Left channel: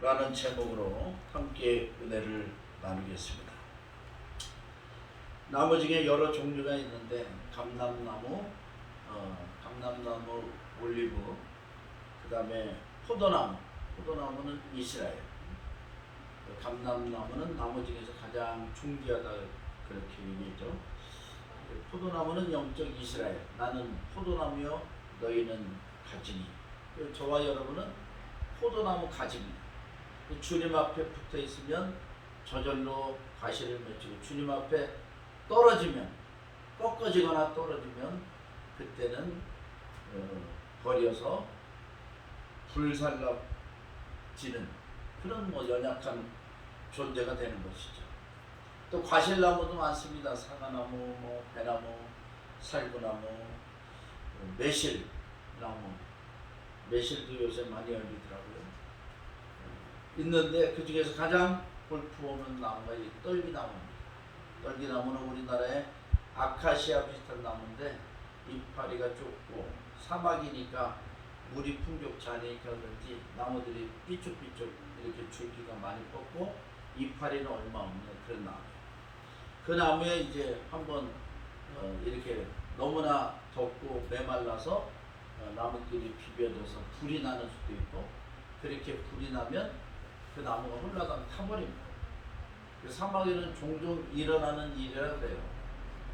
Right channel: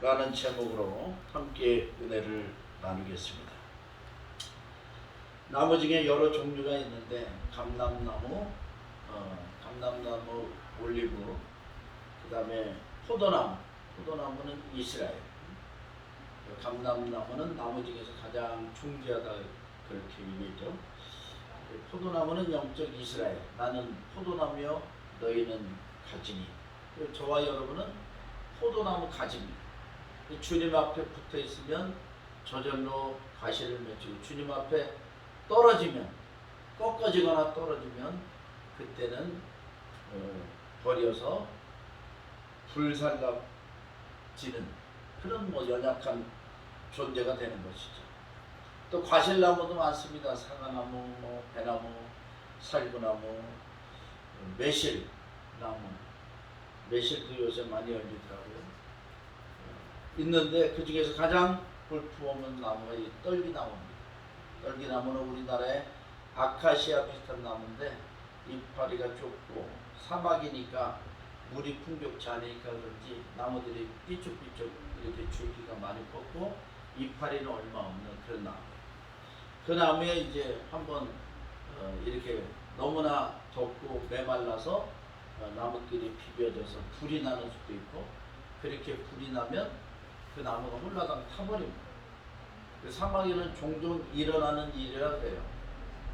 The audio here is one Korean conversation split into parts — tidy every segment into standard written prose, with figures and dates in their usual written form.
라는 제목으로 함께 은혜를 나누겠습니다. 나무 중에 여러 종류가 있는데 감람나무, 올리브, 그 다음에 포도나무는 이스라엘, 감람나무는 나무 중에서 가장 중귀하다 그렇게 얘기했죠. 포도나무는 영적 이스라엘, 나는 포도나무여 너희는 가지니. 저와 여러분은 포도나무 가지입니다. 주님 앞에 붙어 있으면 저절로 과실을 맺히고, 주님 앞에 떨어지면, 꺾어지거나 떨어지면 그때는 버려서 불살라지는 그런 연약한 존재가 되는 것이죠. 또 과실나무도 많습니다. 사과나무, 배나무, 살구나무, 매실도 요새 많이 열리더라고요. 있는데 그 중에서 가장 볼품없는 나무가 이 떨기나무입니다. 떨기나무는 우리나라의 아카시아 비슷한 나무인데 이파리가 좁고 사막이니까 물이 풍족치 않으니까 그런지 나무들이 삐쭉삐쭉 이렇게 줄기가 많이 뻗고 이파리는 얼마 없는 그런 나무. 그 나무에 이제 한번 이렇게 너무나 덥고 메말라서 나무끼리 비벼져서 불이 나는 수도 있고, 그렇게 불이 나면 그 나무가 홀라당 타버립니다. 그 사막에는 종종 일어나는 일이라 그래요.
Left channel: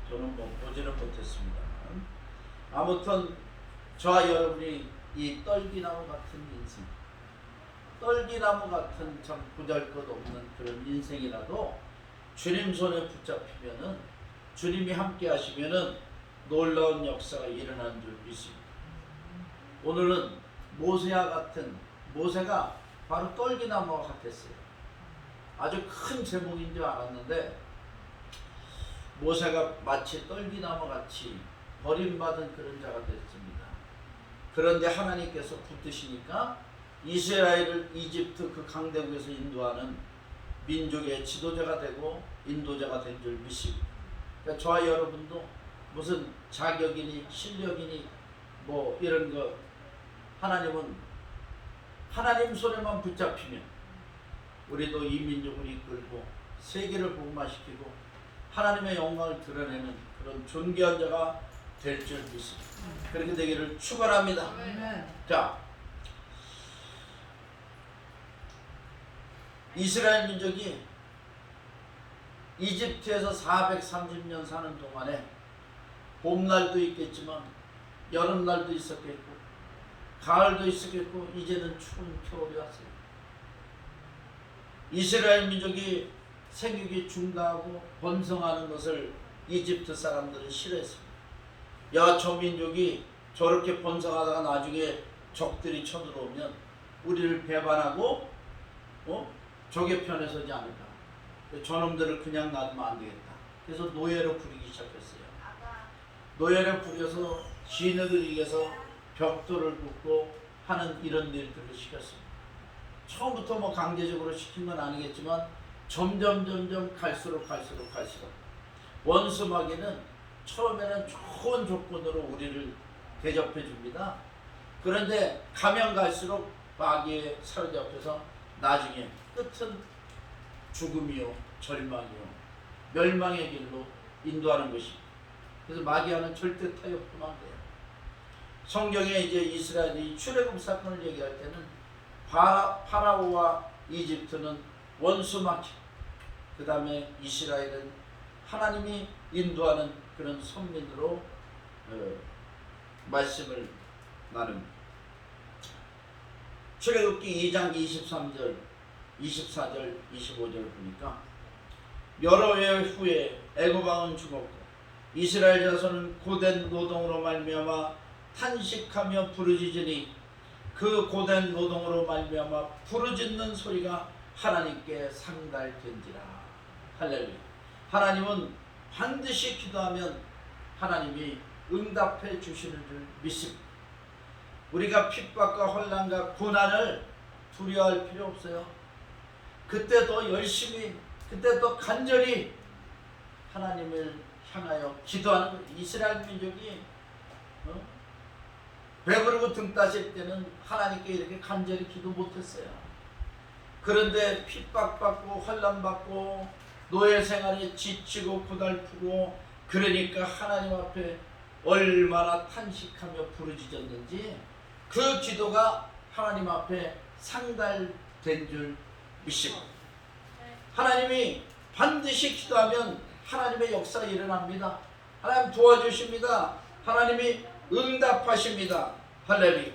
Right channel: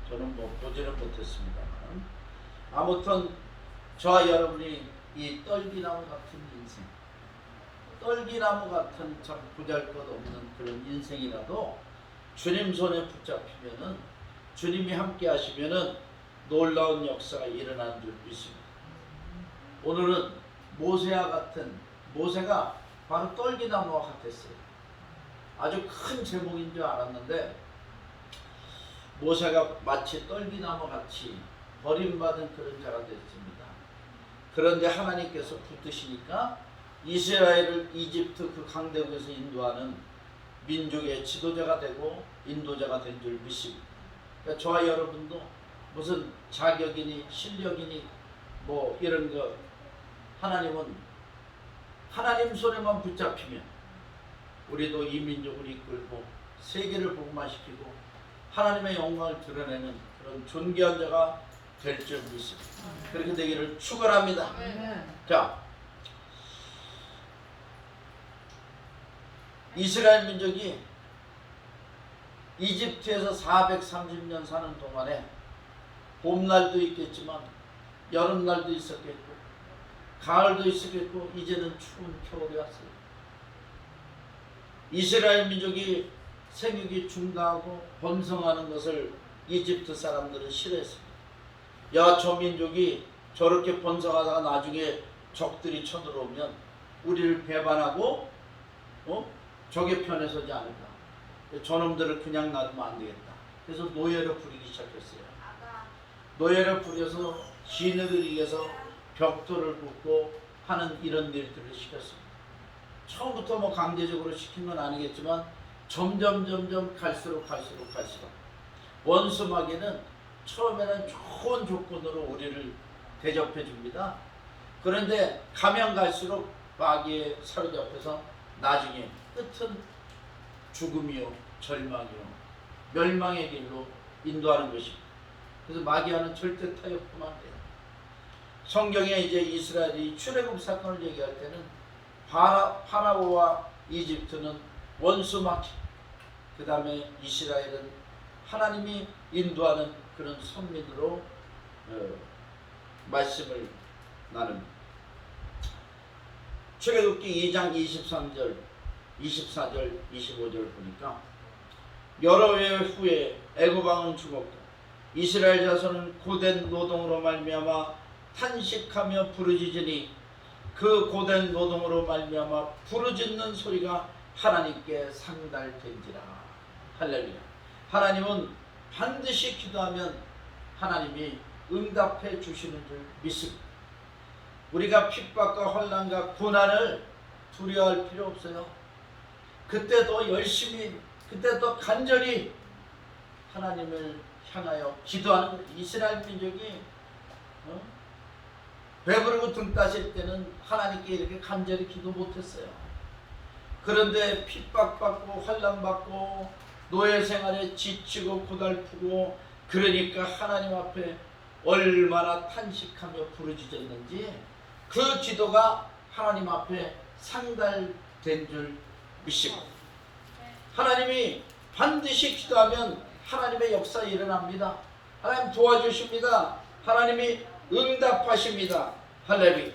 저는 보지는 못했습니다만, 아무튼 저와 여러분이 이 떨기나무 같은 인생, 떨기나무 같은 참 보잘것없는 그런 인생이라도 주님 손에 붙잡히면은, 주님이 함께 하시면은 놀라운 역사가 일어나는 줄 믿습니다. 오늘은 모세가 바로 떨기나무와 같았어요. 아주 큰 제목인 줄 알았는데 모세가 마치 떨기나무 같이 버림받은 그런 자가 됐습니다. 그런데 하나님께서 붙드시니까 이스라엘을 이집트 그 강대국에서 인도하는 민족의 지도자가 되고 인도자가 된 줄 믿습니다. 그러니까 저와 여러분도 무슨 자격이니 실력이니 이런 거, 하나님은 하나님 손에만 붙잡히면 우리도 이 민족을 이끌고 세계를 복음화시키고 하나님의 영광을 드러내는 그런 존귀한 자가 될 줄 믿습니다. 그렇게 되기를 축원합니다. 자, 이스라엘 민족이 이집트에서 430년 사는 동안에 봄날도 있겠지만 여름날도 있었겠고 가을도 있었겠고 이제는 추운 겨울이 왔어요. 이스라엘 민족이 생육이 중단하고 번성하는 것을 이집트 사람들은 싫어했습니다. 야, 저 민족이 저렇게 번성하다가 나중에 적들이 쳐들어오면 우리를 배반하고 적의 편에 서지 않을까. 저놈들을 그냥 놔두면 안 되겠다. 그래서 노예로 부리기 시작했어요. 노예를 부려서 시인을 위해서 벽돌을 붓고 하는 이런 일들을 시켰습니다. 처음부터 강제적으로 시킨 건 아니겠지만 점점 갈수록 원수 마귀는 처음에는 좋은 조건으로 우리를 대접해 줍니다. 그런데 가면 갈수록 마귀에 사로잡혀서 나중에 끝은 죽음이요 절망이요 멸망의 길로 인도하는 것입니다. 그래서 마귀와는 절대 타협하면 안 돼요. 성경에 이제 이스라엘이 출애굽 사건을 얘기할 때는 파라오와 이집트는 원수 마귀, 그 다음에 이스라엘은 하나님이 인도하는 그런 선민으로 말씀을 나눕니다. 출애굽기 2장 23절, 24절, 25절 보니까 여러 해 후에 애굽 왕은 죽었고 이스라엘 자손은 고된 노동으로 말미암아 탄식하며 부르짖으니 그 고된 노동으로 말미암아 부르짖는 소리가 하나님께 상달된지라. 할렐루야. 하나님은 반드시 기도하면 하나님이 응답해 주시는 줄 믿습니다. 우리가 핍박과 혼란과 고난을 두려워할 필요 없어요. 그때도 열심히, 그때도 간절히 하나님을 향하여 기도하는 거예요. 이스라엘 민족이 배부르고 등 따실 때는 하나님께 이렇게 간절히 기도 못했어요. 그런데 핍박받고 환난받고 노예 생활에 지치고 고달프고 그러니까 하나님 앞에 얼마나 탄식하며 부르짖었는지 그 기도가 하나님 앞에 상달된 줄 믿습니다. 하나님이 반드시 기도하면 하나님의 역사 일어납니다. 하나님 도와주십니다. 하나님이 응답하십니다. 할렐루야.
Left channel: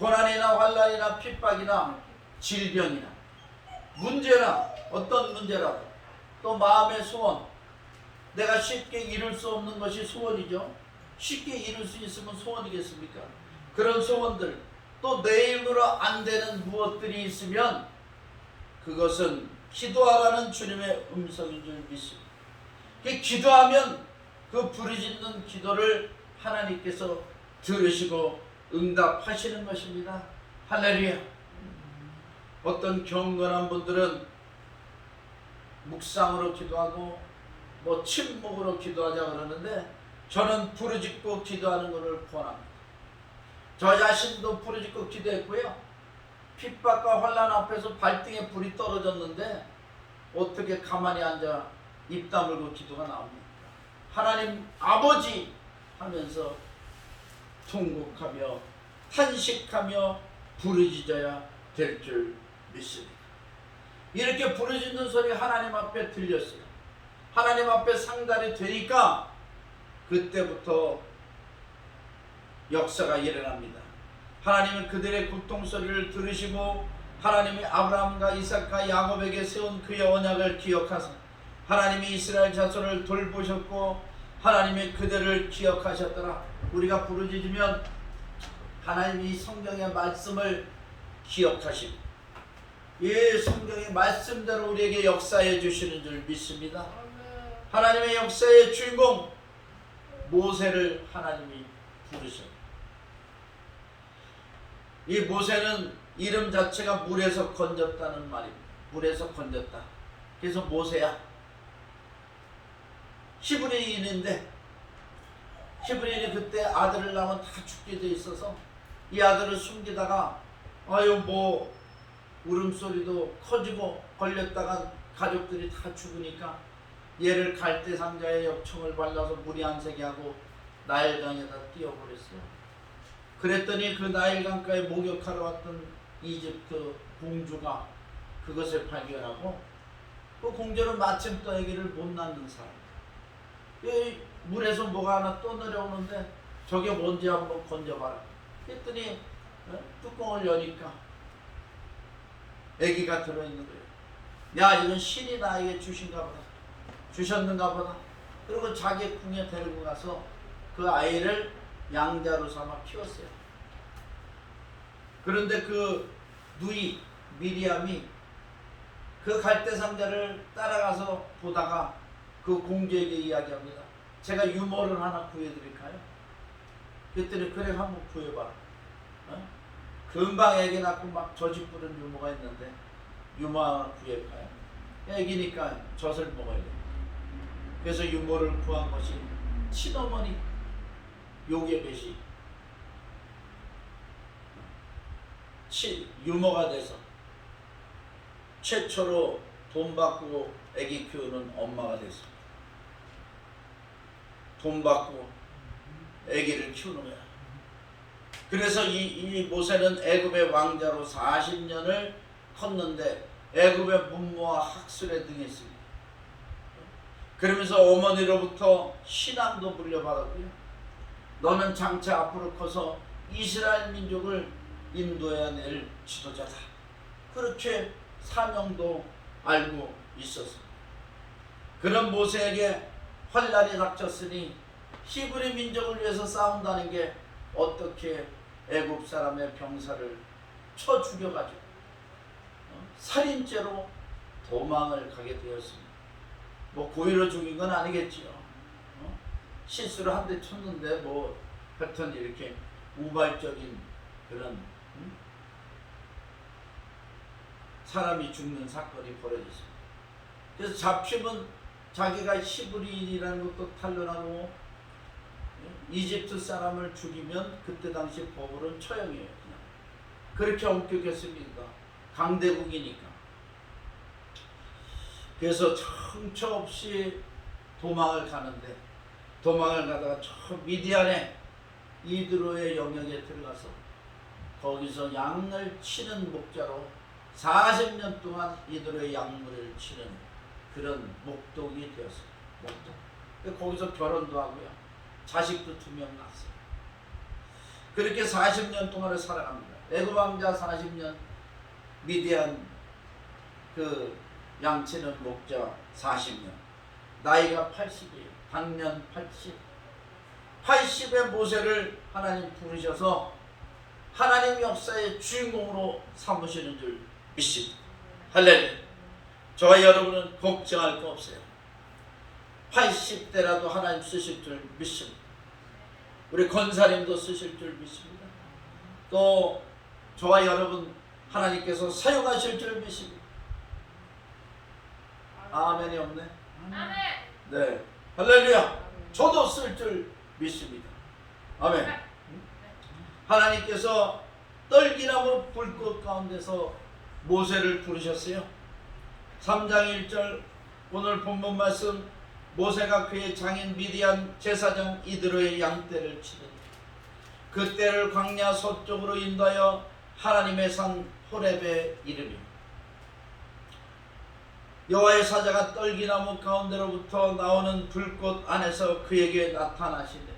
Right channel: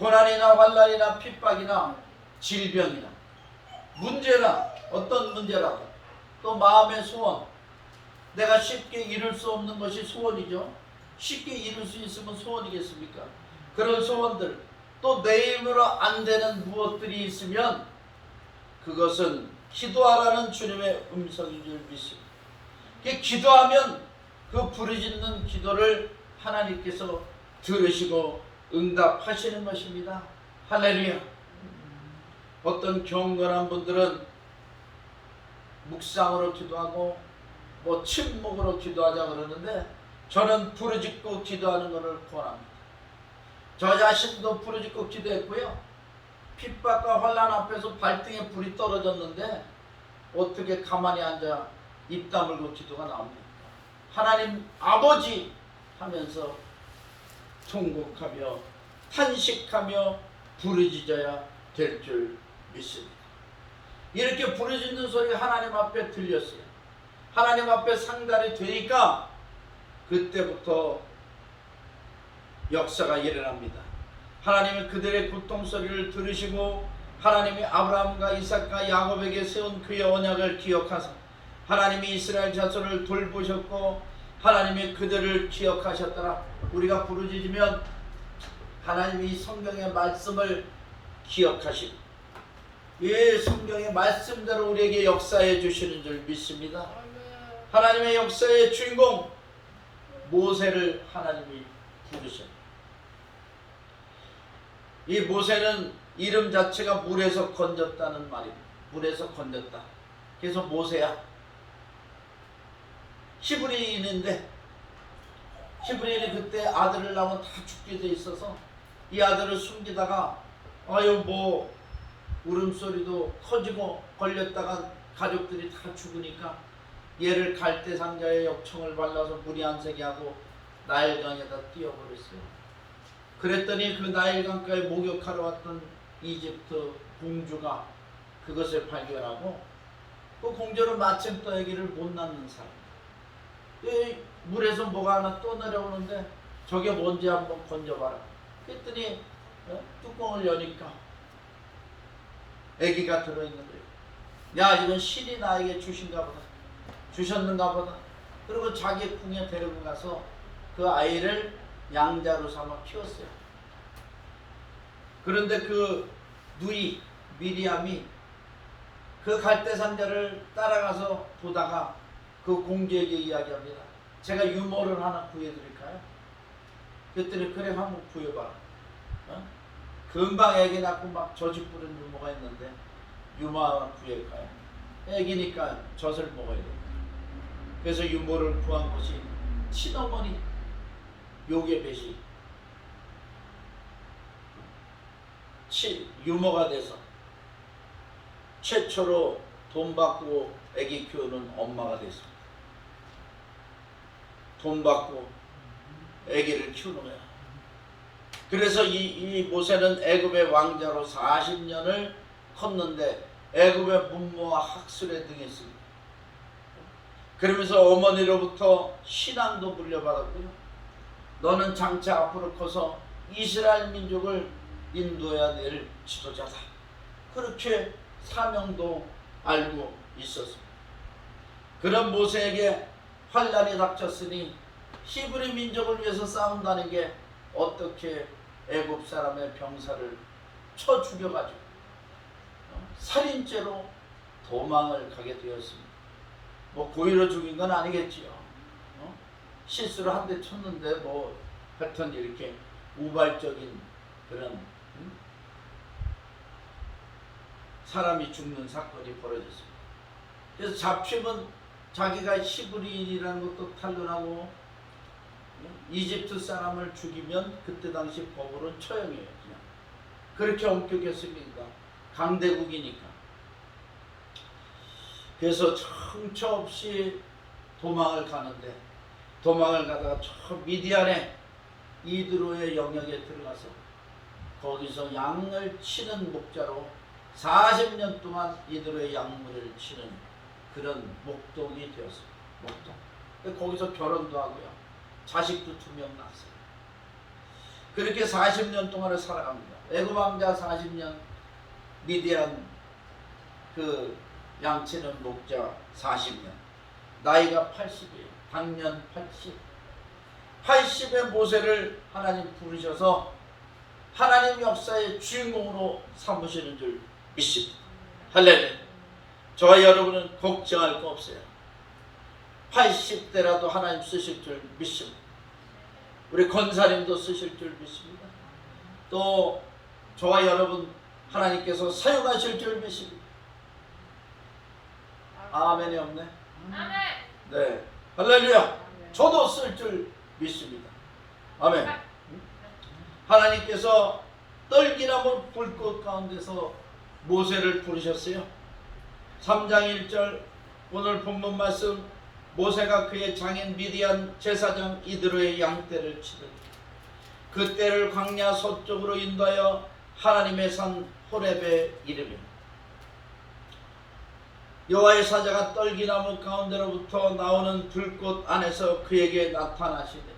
고난이나 환난이나 핍박이나 질병이나 문제나 어떤 문제라도 또 마음의 소원, 내가 쉽게 이룰 수 없는 것이 소원이죠. 쉽게 이룰 수 있으면 소원이겠습니까? 그런 소원들, 또 내 힘으로 안 되는 무엇들이 있으면 그것은 기도하라는 주님의 음성인 줄 믿습니다. 기도하면 그 부르짖는 기도를 하나님께서 들으시고 응답하시는 것입니다. 할렐루야. 어떤 경건한 분들은 묵상으로 기도하고 뭐 침묵으로 기도하자 그러는데 저는 부르짖고 기도하는 것을 권합니다. 저 자신도 부르짖고 기도했고요. 핍박과 환난 앞에서 발등에 불이 떨어졌는데 어떻게 가만히 앉아 입 다물고 기도가 나옵니까? 하나님 아버지 하면서 통곡하며 탄식하며 부르짖어야 될 줄 믿습니다. 이렇게 부르짖는 소리 하나님 앞에 들렸어요. 하나님 앞에 상달이 되니까 그때부터 역사가 일어납니다. 하나님은 그들의 고통소리를 들으시고 하나님이 아브라함과 이삭과 야곱에게 세운 그의 언약을 기억하사 하나님이 이스라엘 자손을 돌보셨고 하나님이 그들을 기억하셨더라. 우리가 부르짖으면 하나님이 성경의 말씀을 기억하십니다. 이 성경의 말씀대로 우리에게 역사해 주시는 줄 믿습니다. 하나님의 역사의 주인공 모세를 하나님이 부르셨습니다. 이 모세는 이름 자체가 물에서 건졌다는 말입니다. 물에서 건졌다. 그래서 모세야. 히브리인인데 히브리인이 그때 아들을 낳으면 다 죽게 돼 있어서 이 아들을 숨기다가 뭐 울음소리도 커지고 걸렸다가 가족들이 다 죽으니까 얘를 갈대 상자에 역청을 발라서 물이 안 새게 하고 나일강에다 띄워버렸어요. 그랬더니 그 나일강가에 목욕하러 왔던 이집트 공주가 그것을 발견하고 그 공주는 마침 또 아기를 못 낳는 사람. 이 물에서 뭐가 하나 또 내려오는데 저게 뭔지 한번 건져봐라. 그랬더니 뚜껑을 여니까 아기가 들어있는 거예요. 야, 이건 신이 나에게 주신가 보다. 주셨는가 보다. 그리고 자기 궁에 데리고 가서 그 아이를 양자로 삼아 키웠어요. 그런데 그 누이 미리암이 그 갈대상자를 따라가서 보다가 그 공주에게 이야기합니다. 제가 유모를 하나 구해드릴까요? 그랬더니 그래, 한번 구해봐라. 금방 애기 낳고 막 저집 부른 유모가 있는데 유모 하나 구해볼까요? 애기니까 젖을 먹어야 돼. 그래서 유모를 구한 것이 친어머니 요게벳이 유모가 돼서 최초로 돈 받고 애기 키우는 엄마가 됐습니다. 돈 받고 애기를 키우는 거야. 그래서 이 모세는 애굽의 왕자로 40년을 컸는데 애굽의 문무와 학술에 등했습니다. 그러면서 어머니로부터 신앙도 물려받았고요. 너는 장차 앞으로 커서 이스라엘 민족을 인도해야 될 지도자다. 그렇게 사명도 알고 있었습니다. 그런 모세에게 환난이 닥쳤으니 히브리 민족을 위해서 싸운다는 게 어떻게 애굽 사람의 병사를 쳐 죽여가지고 살인죄로 도망을 가게 되었습니다. 뭐 고의로 죽인 건 아니겠지요. 실수로 한 대 쳤는데 뭐 하여튼 이렇게 우발적인 그런 사람이 죽는 사건이 벌어졌습니다. 그래서 잡히면 자기가 히브리인이라는 것도 탄론하고 이집트 사람을 죽이면 그때 당시 법으로는 처형이에요. 그냥 그렇게 엄격했습니다. 강대국이니까. 그래서 정처 없이 도망을 가는데, 도망을 가다가 저 미디안의 이드로의 영역에 들어가서 거기서 양을 치는 목자로 40년 동안 이드로의 양물을 치는 그런 목동이 되었습니다. 목동. 거기서 결혼도 하고요, 자식도 2명 낳았어요. 그렇게 40년 동안을 살아갑니다. 애굽 왕자 40년, 미디안 그 양치는 목자 40년. 나이가 80이에요. 당년 80. 80의 모세를 하나님 부르셔서 하나님 역사의 주인공으로 삼으시는 줄 믿습니다. 할렐루야. 저와 여러분은 걱정할 거 없어요. 80대라도 하나님 쓰실 줄 믿습니다. 우리 권사님도 쓰실 줄 믿습니다. 또 저와 여러분 하나님께서 사용하실 줄 믿습니다. 아멘이 없네. 아멘. 네, 할렐루야. 저도 쓸 줄 믿습니다. 아멘. 하나님께서 떨기나무 불꽃 가운데서 모세를 부르셨어요. 3장 1절 오늘 본문 말씀, 모세가 그의 장인 미디안 제사장 이드로의 양떼를 치더니 그 떼를 광야 서쪽으로 인도하여 하나님의 산 호렙에 이르니 여호와의 사자가 떨기나무 가운데로부터 나오는 불꽃 안에서 그에게 나타나시되,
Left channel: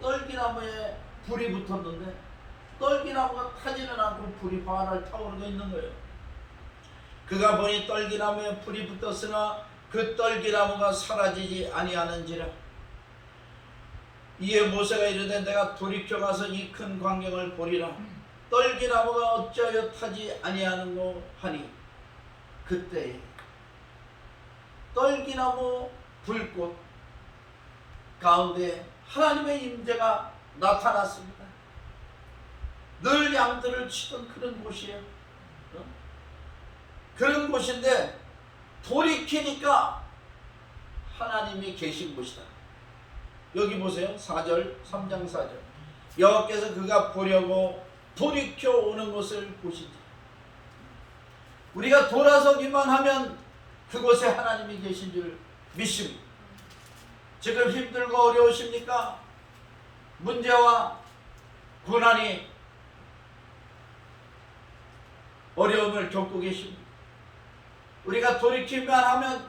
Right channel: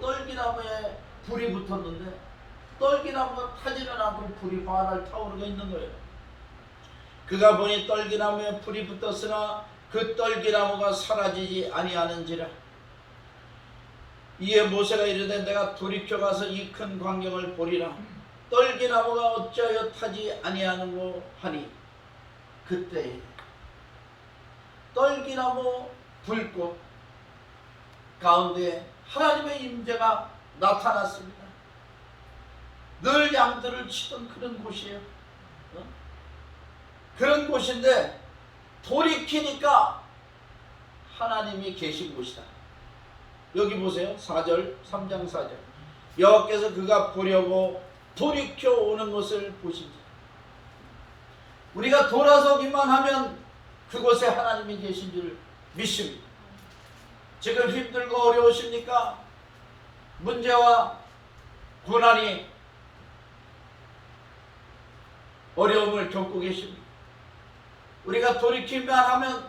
떨기나무에 불이 붙었는데 떨기나무가 타지는 않고 불이 활활 타오르고 있는 거예요. 그가 보니 떨기나무에 불이 붙었으나 그 떨기나무가 사라지지 아니하는지라. 이에 모세가 이르되 내가 돌이켜 가서 이 큰 광경을 보리라. 떨기나무가 어찌하여 타지 아니하는고 하니, 그때 떨기나무 불꽃 가운데 하나님의 임재가 나타났습니다. 늘 양들을 치던 그런 곳이에요. 그런 곳인데 돌이키니까 하나님이 계신 곳이다. 여기 보세요. 4절, 3장 4절. 여호와께서 그가 보려고 돌이켜 오는 것을 보시지. 우리가 돌아서기만 하면 그곳에 하나님이 계신 줄 믿습니다. 지금 힘들고 어려우십니까? 문제와 고난이 어려움을 겪고 계십니다. 우리가 돌이키만 하면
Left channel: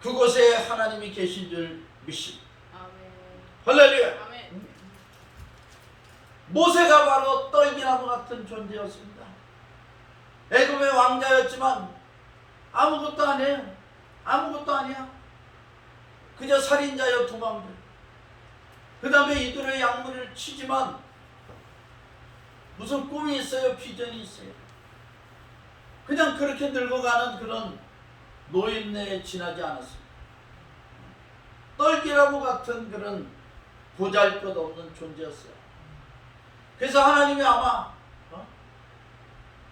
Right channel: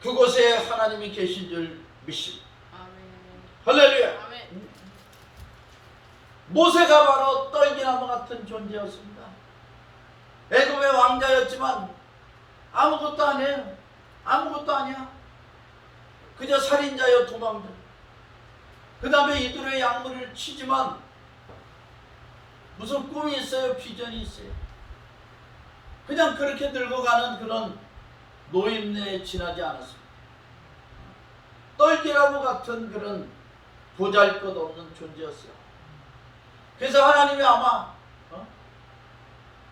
그곳에 하나님이 계신 줄 믿습니다. 할렐루야. 아멘. 모세가 바로 떨기나무 같은 존재였습니다. 애굽의 왕자였지만 아무것도 아니에요. 아무것도 아니야. 그저 살인자여 도망자. 그 다음에 이들의 양물을 치지만 무슨 꿈이 있어요? 비전이 있어요? 그냥 그렇게 늙어가는 그런 노인네에 지나지 않았습니다. 떨기나무 같은 그런 보잘것없는 존재였어요. 그래서 하나님이 아마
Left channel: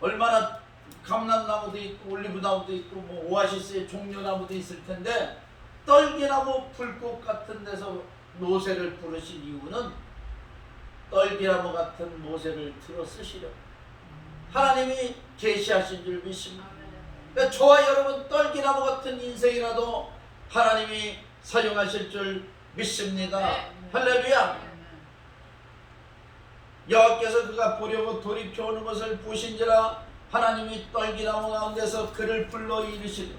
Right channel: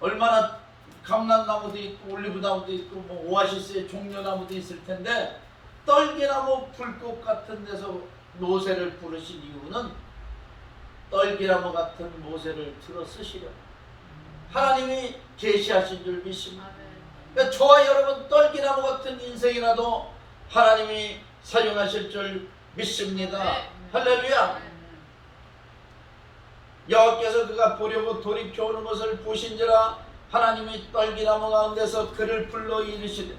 얼마나 감람나무도 있고 올리브나무도 있고 뭐 오아시스의 종려나무도 있을 텐데 떨기나무 불꽃 같은 데서 모세를 부르신 이유는 떨기나무 같은 모세를 들어 쓰시려고 하나님이 계시하신 줄 믿습니다. 그러니까 저와 여러분 떨기나무 같은 인생이라도 하나님이 사용하실 줄 믿습니다. 할렐루야. 여호와께서 그가 보려고 돌이켜 오는 것을 보신지라. 하나님이 떨기나무 가운데서 그를 불러 이르시되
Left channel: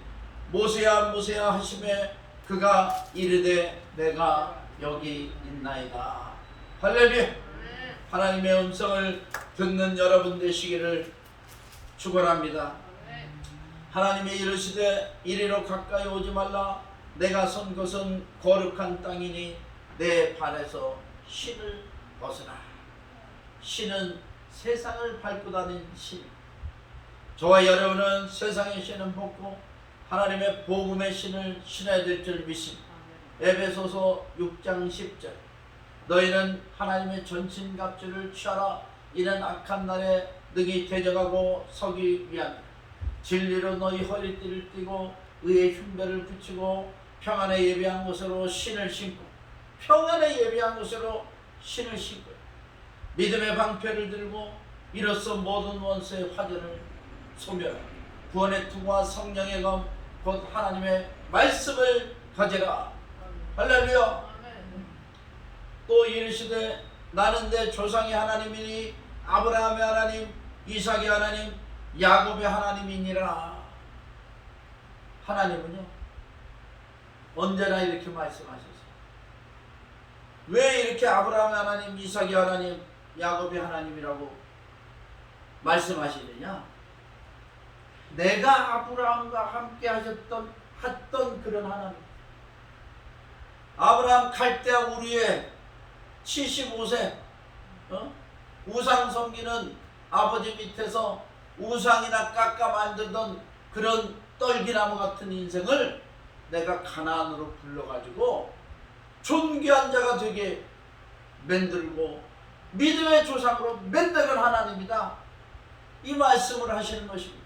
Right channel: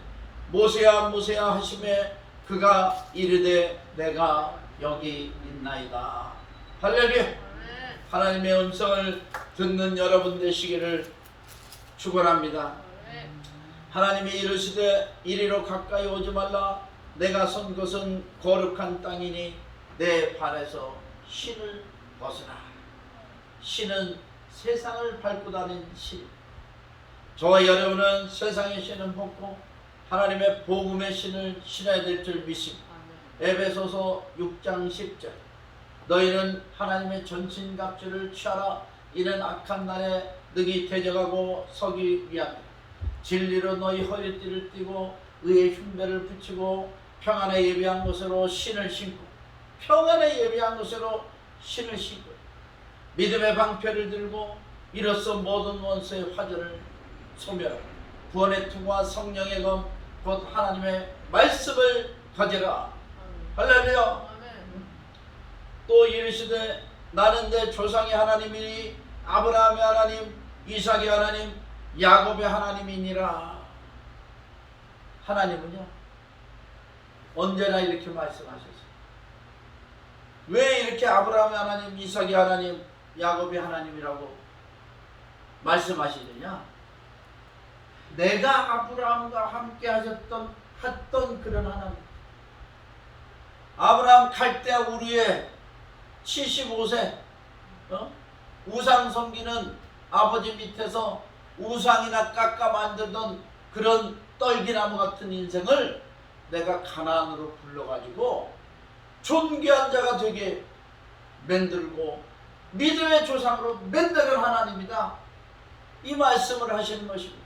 모세야 모세야 하시매 그가 이르되 내가 여기 있나이다. 할렐루야. 하나님의 음성을 듣는 여러분 되시기를 축원합니다. 하나님이 이르시되 이리로 가까이 오지 말라. 내가 선 것은 거룩한 땅이니 내 발에서 신을 벗으라. 신은 세상을 밟고 다닌 신. 저와 여러분은 세상의 신은 벗고 하나님의 복음의 신을 신어야 될 줄 믿습니다. 에베소서 6장 10절 너희는 하나님의 전신갑주를 취하라. 이는 악한 날에 능히 대적하고 서기 위함이라. 진리로 너희 허리띠를 띠고 의의 흉배를 붙이고 평안에 예비한 것으로 신을 신고 평안에 예비한 것으로 신을 신고 믿음의 방패를 들고 이로써 모든 원수의 화전을 소멸하고 구원의 투구와 성령의 검 곧 하나님의 말씀을 가지라. 할렐루야. 또 이르시되 나는 내 조상의 하나님이니 아브라함의 하나님, 이삭의 하나님, 야곱의 하나님이니라. 하나님은요 언제나 이렇게 말씀하셨어요. 왜 이렇게 아브라함의 하나님, 이삭의 하나님, 야곱의 하나님이라고 말씀하시느냐? 내가 아브라함과 함께 했던 그런 하나님. 아브라함 갈대아 우르에 75세 우상 섬기는 아버지 밑에서 우상이나 깎아 만들던 그런 떨기나무 같은 인생을 내가 가나안으로 불러가지고 존귀한 자가 되게 만들고 믿음의 조상으로 만드는 하나님이다. 이 말씀을 하시는 것입니다.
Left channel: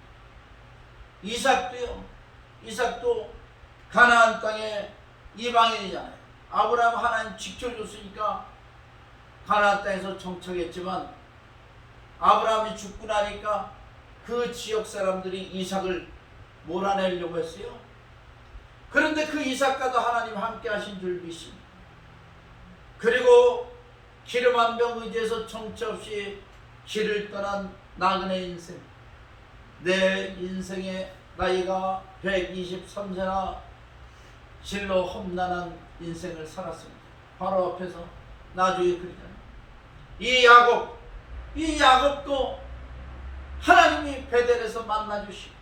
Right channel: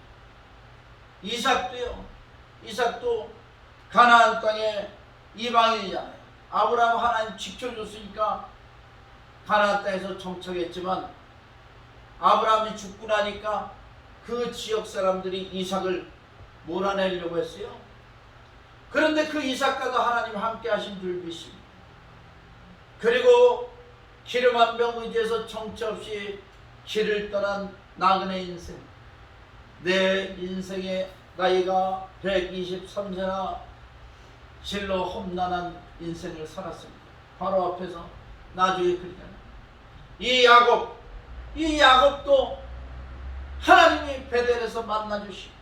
이삭도요. 이삭도 가나안 땅에 이방인이잖아요. 아브라함 하나님 지켜줬으니까 가나안 땅에서 정착했지만 아브라함이 죽고 나니까 그 지역 사람들이 이삭을 몰아내려고 했어요. 그런데 그 이삭과도 하나님 함께 하신 줄 믿습니다. 그리고 기름 한 병 의지해서 정처 없이 길을 떠난 나그네 인생. 내 인생의 나이가 123세나 실로 험난한 인생을 살았습니다. 바로 앞에서 나중에 그러잖아요. 이 야곱도 하나님이 베델에서 만나주시고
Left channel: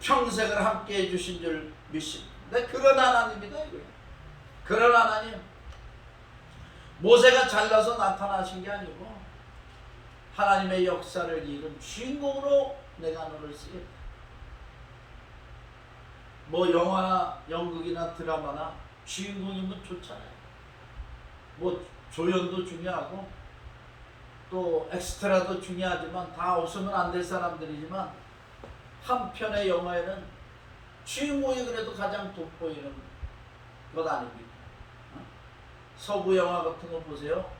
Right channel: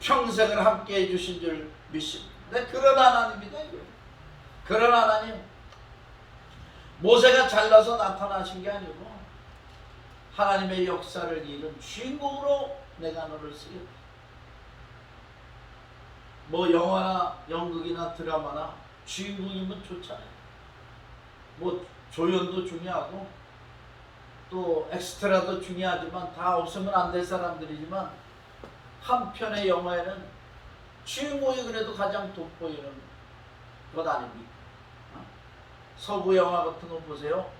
평생을 함께 해주신 줄 믿습니다. 그런 하나님이다 이거예요. 그런 하나님. 모세가 잘나서 나타나신 게 아니고 하나님의 역사를 이룬 주인공으로 내가 너를 쓰겠다. 뭐 영화나 연극이나 드라마나 주인공이면 좋잖아요. 뭐 조연도 중요하고 또 엑스트라도 중요하지만 다 없으면 안 될 사람들이지만 한 편의 영화에는 주인공이 그래도 가장 돋보이는 것 아닙니까? 서부 영화 같은 거 보세요.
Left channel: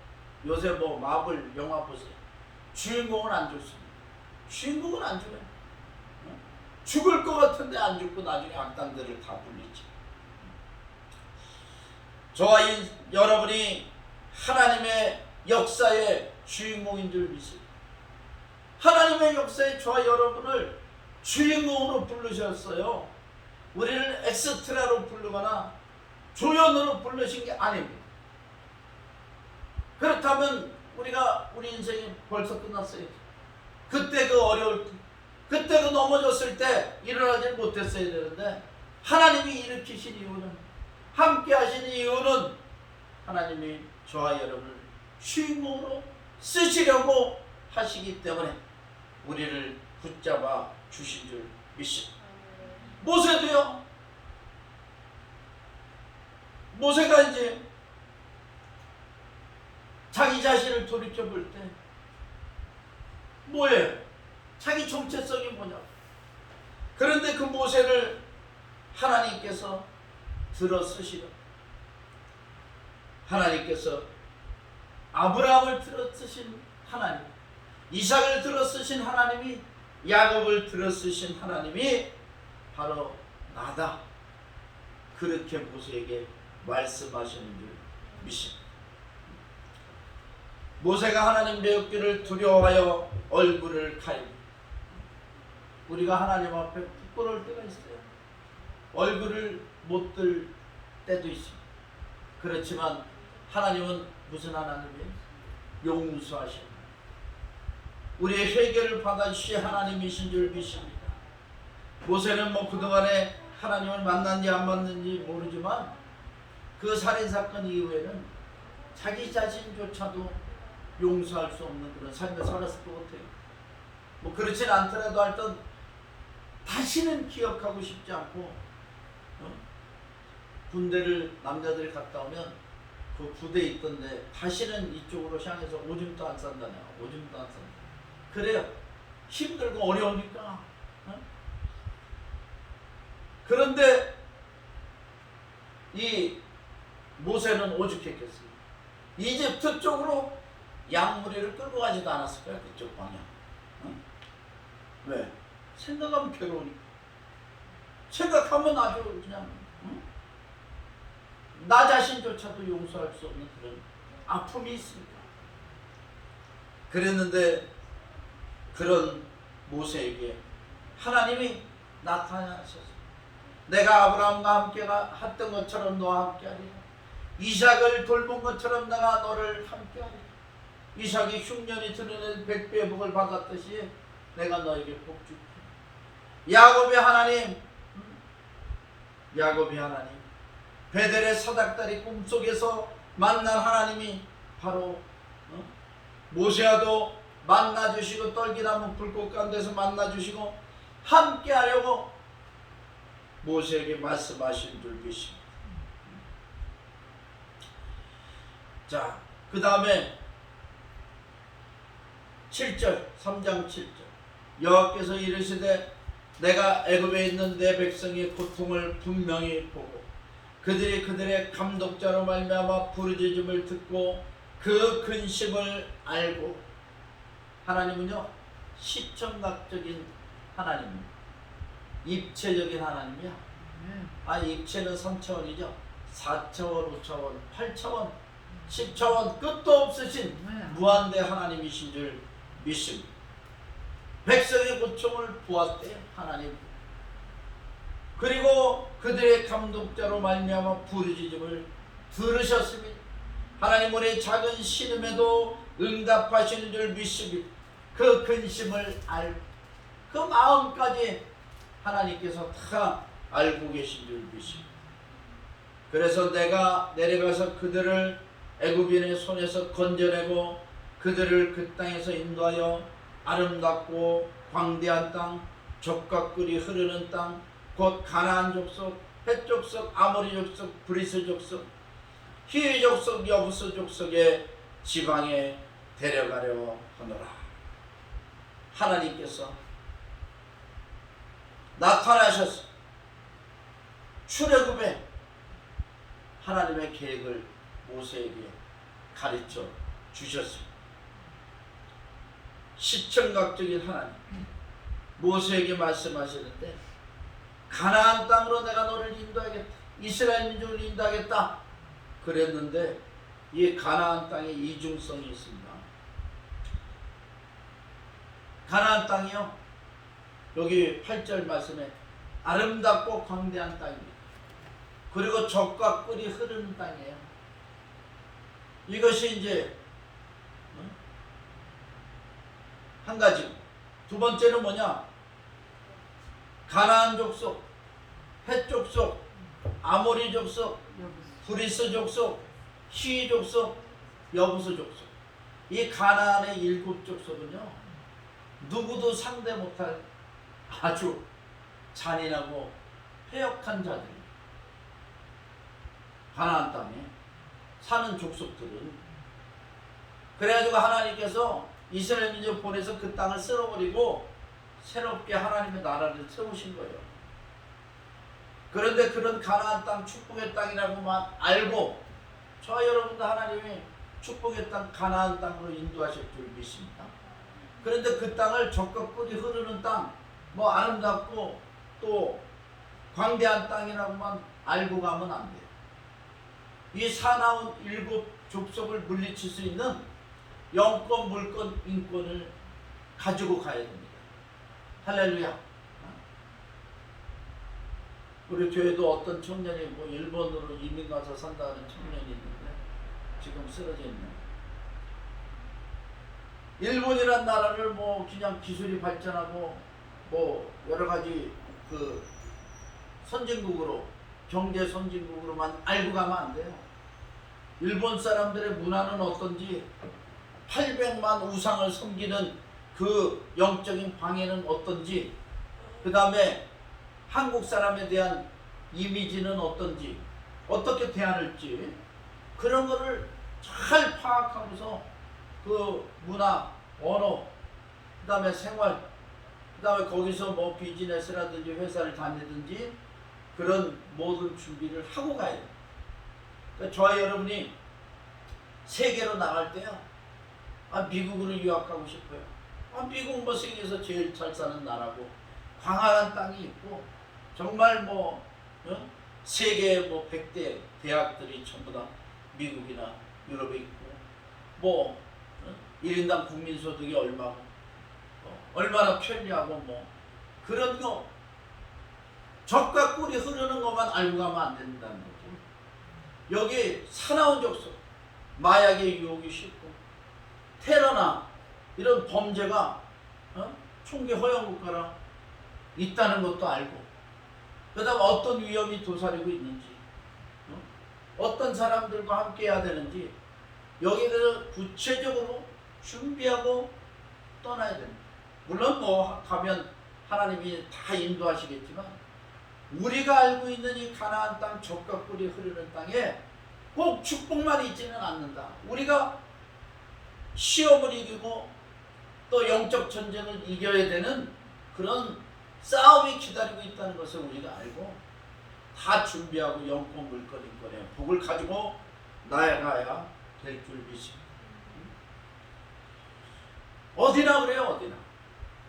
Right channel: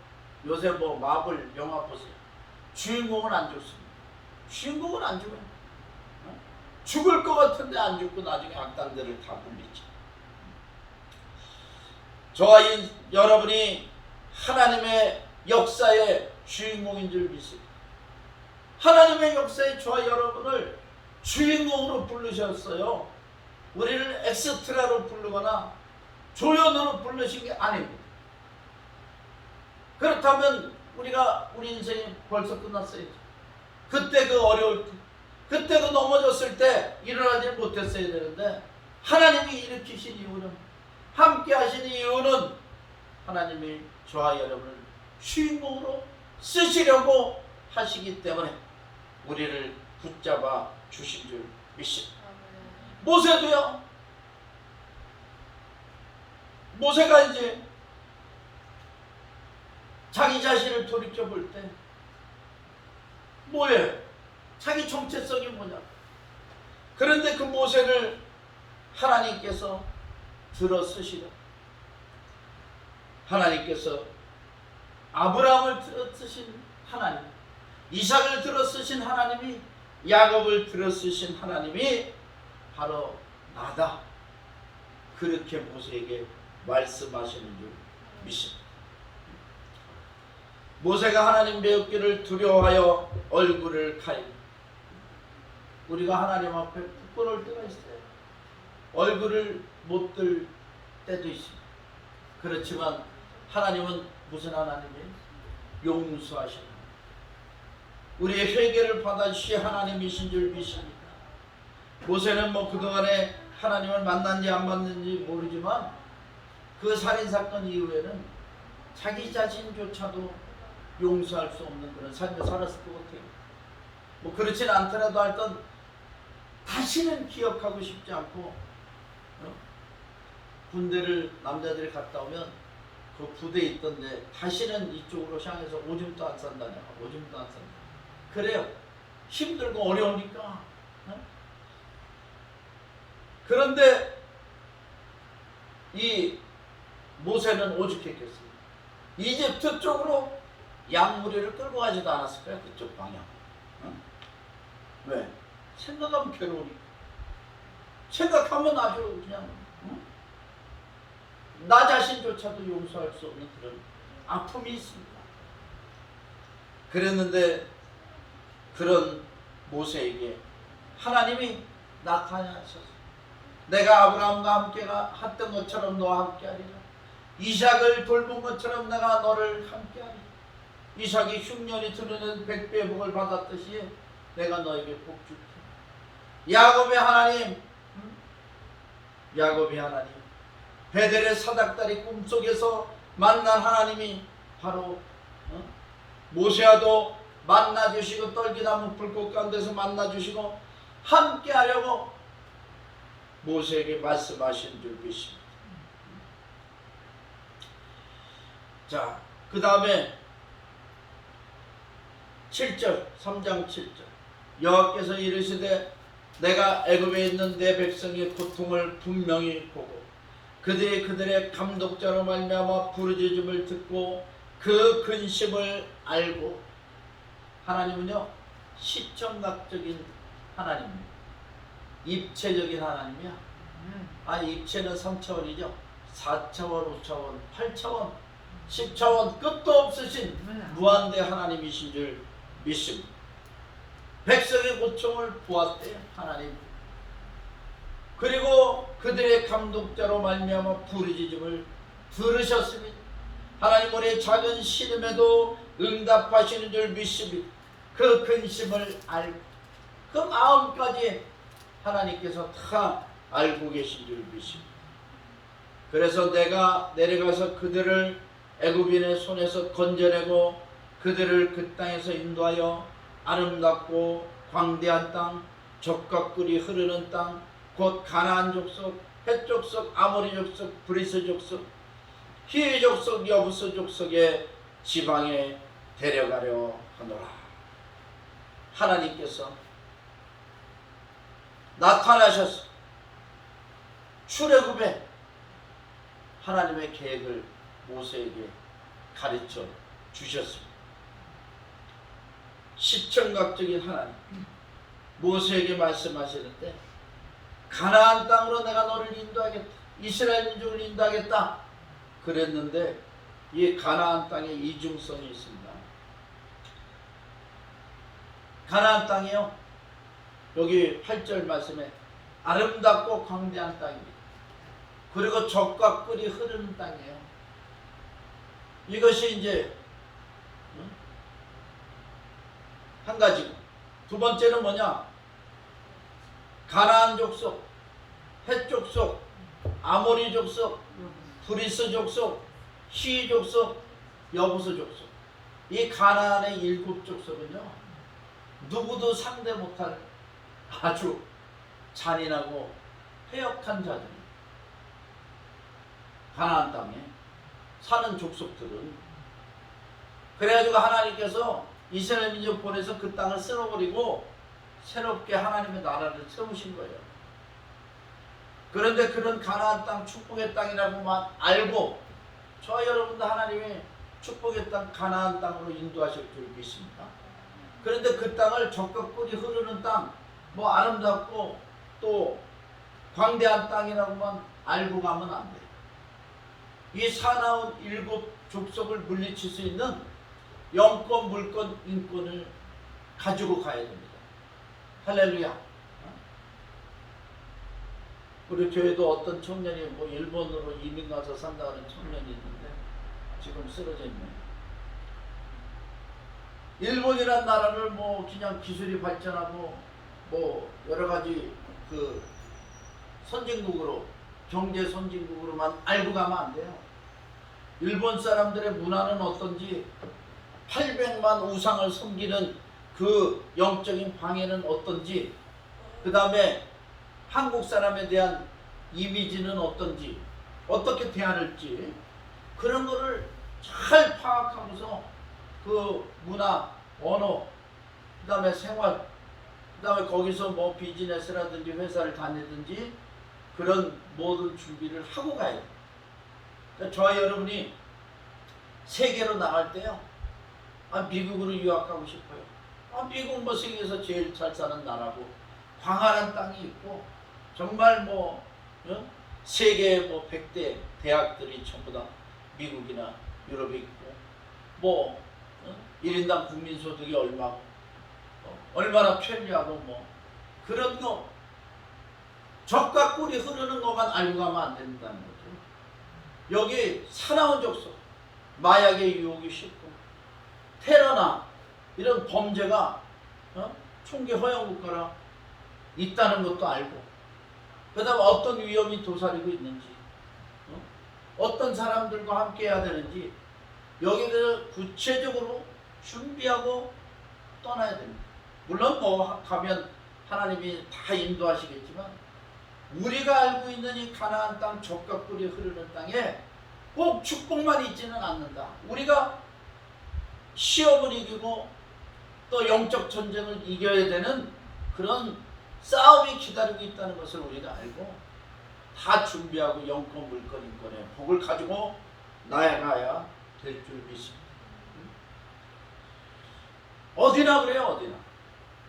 요새 뭐 마블 영화 보세요. 주인공은 안 죽습니다. 주인공은 안 죽어요. 죽을 것 같은데 안 죽고 나중에 악당들을 다 불리죠. 저와 여러분이 하나님의 역사의 주인공인 줄 믿습니다. 하나님의 역사에 저와 여러분을 주인공으로 부르셨어요. 우리를 엑스트라로 부르거나 조연으로 부르신 게 아닙니다. 그렇다면 우리 인생이 벌써 끝났어요. 그때 그 어려울 때, 그때 그 넘어졌을 때 일어나지 못했어야 되는데 하나님이 일으키신 이유는, 함께 하신 이유는 하나님이 저와 여러분을 주인공으로 쓰시려고 하시기 때문에 우리를 붙잡아 주신 줄 믿습니다. 모세도요. 모세가 이제 자기 자신을 돌이켜 볼 때 뭐예요? 자기 정체성이 뭐냐? 그런데 그 모세를 하나님께서 들어 쓰시라. 하나님께서 아브라함을 들어 쓰신 하나님, 이삭을 들어 쓰신 하나님이, 야곱을 들어 쓰신 하나님이 바로 나다. 그렇게 모세에게 말씀하시는 줄 믿습니다. 모세가 하나님 배우기를 두려워하여 얼굴을 가리니, 우리가 하나님 앞에 부끄러울 때가 있어요. 얼굴을 못 들 때도 있습니다. 그렇지만 하나님은 무슨 하나님이에요? 용서하시는 하나님. 우리의 회개를 받아주실 하나님이신 줄 믿습니다. 모세는 뭐 그동안에 하나님을 만났는지 안 만났는지 모르지만 그 살인사건 이후에는 자기 자신조차도 용서할 수 없는 그런 삶을 살았을 것 같아요. 뭐 그렇진 않더라도 하여튼 다시는 기억하고 싶지 않고, 군대를 남자들이 갔다 오면 그 부대에 있던데 다시는 이쪽으로 향해서 오줌도 안 싼다냐. 오줌도 안 싼다. 그래요. 힘들고 어려우니까. 그런데 이 모세는 오죽했겠어요. 이집트 쪽으로 양무리를 끌고 가지도 않았을까요? 그쪽 방향. 왜? 생각하면 괴로우니까. 생각하면 아주 그냥 나 자신조차도 용서할 수 없는 그런 아픔이 있습니다. 그랬는데 그런 모세에게 하나님이 나타나셔서 내가 아브라함과 함께 했던 것처럼 너와 함께 하리라. 이삭을 돌본 것처럼 내가 너를 함께 하리라. 이삭이 흉년이 드러낸 100배의 복을 받았듯이 내가 너에게 복 줄게. 야곱의 하나님, 야곱의 하나님, 베델의 사닥다리 꿈속에서 만난 하나님이 바로 모세와도 만나주시고 떨기나무 불꽃 가운데서 만나주시고 함께 하려고 모세에게 말씀하신 줄 믿습니다. 자, 그 다음에 7절, 3장 7절. 여호와께서 이르시되 내가 애굽에 있는 내 백성의 고통을 분명히 보고 그들의 감독자로 말미암아 부르짖음을 듣고 그 근심을 알고. 하나님은요 시청각적인 하나님입니다. 입체적인 하나님이야. 입체는 3차원이죠. 4차원, 5차원, 8차원, 10차원 끝도 없으신 무한대 하나님이신 줄 믿습니다. 백성의 고통을 보았대요 하나님. 그리고 그들의 감독자로 말미암아 부르짖음을 들으셨습니다. 하나님 우리의 작은 신음에도 응답하시는 줄 믿습니다. 그 근심을 알고 그 마음까지 하나님께서 다 알고 계신 줄 믿습니다. 그래서 내가 내려가서 그들을 애굽인의 손에서 건져내고 그들을 그 땅에서 인도하여 아름답고 광대한 땅, 젖과 꿀이 흐르는 땅, 곧 가나안 족속, 헷 족속, 아모리 족속, 브리스 족속, 히위 족속, 여부스 족속의 지방에 데려가려 하노라. 하나님께서 나타나셔서 출애굽에 하나님의 계획을 모세에게 가르쳐 주셨습니다. 시청각적인 하나님 모세에게 말씀하시는데 가나안 땅으로 내가 너를 인도하겠다. 이스라엘 민족을 인도하겠다. 그랬는데 이 가나안 땅에 이중성이 있습니다. 가나안 땅이요. 여기 8절 말씀에 아름답고 광대한 땅입니다. 그리고 젖과 꿀이 흐르는 땅이에요. 이것이 이제 한 가지고, 두 번째는 뭐냐? 가나안 족속, 헷 족속, 아모리 족속, 브리스 족속, 히위 족속, 여부스 족속. 이 가나안의 7족속은요 누구도 상대 못할 아주 잔인하고 패역한 자들이 가나안 땅에 사는 족속들은. 그래가지고 하나님께서 이스라엘 민족 보내서 그 땅을 쓸어버리고 새롭게 하나님의 나라를 세우신 거예요. 그런데 그런 가나안 땅, 축복의 땅이라고만 알고 저와 여러분도 하나님이 축복의 땅, 가나안 땅으로 인도하실 줄 믿습니다. 그런데 그 땅을 젖과 꿀이 흐르는 땅, 뭐 아름답고 또 광대한 땅이라고만 알고 가면 안 돼요. 이 사나운 7족속을 물리칠 수 있는 영권, 물권, 인권을 가지고 가야 됩니다. 할렐루야. 우리 교회도 어떤 청년이 뭐 일본으로 이민 가서 산다는 청년이 있는데 지금 쓰러져 있는. 일본이란 나라를 뭐 그냥 기술이 발전하고 뭐 여러 가지 그 선진국으로, 경제 선진국으로만 알고 가면 안 돼요. 일본 사람들의 문화는 어떤지, 800만 우상을 섬기는 그 영적인 방해는 어떤지, 그 다음에 한국 사람에 대한 이미지는 어떤지, 어떻게 대할지, 그런 거를 잘 파악하면서 그 문화, 언어, 그 다음에 생활, 그 다음에 거기서 뭐 비즈니스라든지 회사를 다니든지 그런 모든 준비를 하고 가야 돼요. 그러니까 저와 여러분이 세계로 나갈 때요, 미국으로 유학 가고 싶어요. 미국 뭐 세계에서 제일 잘 사는 나라고, 광활한 땅이 있고 정말 뭐 세계 뭐 100대 대학들이 전부 다 미국이나 유럽에 있고 뭐 1인당 국민소득이 얼마나 편리하고 뭐 그런 거 적과 꿀이 흐르는 것만 알고 가면 안 된다는 거죠. 여기 사나운 족속, 마약의 유혹이 쉽고 테러나 이런 범죄가 총기 허용 국가라 있다는 것도 알고 그 다음 어떤 위험이 도사리고 있는지 어떤 사람들과 함께 해야 되는지 여기에 대해서 구체적으로 준비하고 떠나야 됩니다. 물론 뭐 가면 하나님이 다 인도하시겠지만 우리가 알고 있는 이 가나안 땅 젖과 꿀이 흐르는 땅에 꼭 축복만 있지는 않는다. 우리가 시험을 이기고 또 영적 전쟁을 이겨야 되는 그런 싸움이 기다리고 있다는 것을 우리가 알고 다 준비하고 영권 물권 인권의 복을 가지고 나아가야 될 줄 믿습니다. 어디나 그래요. 어디나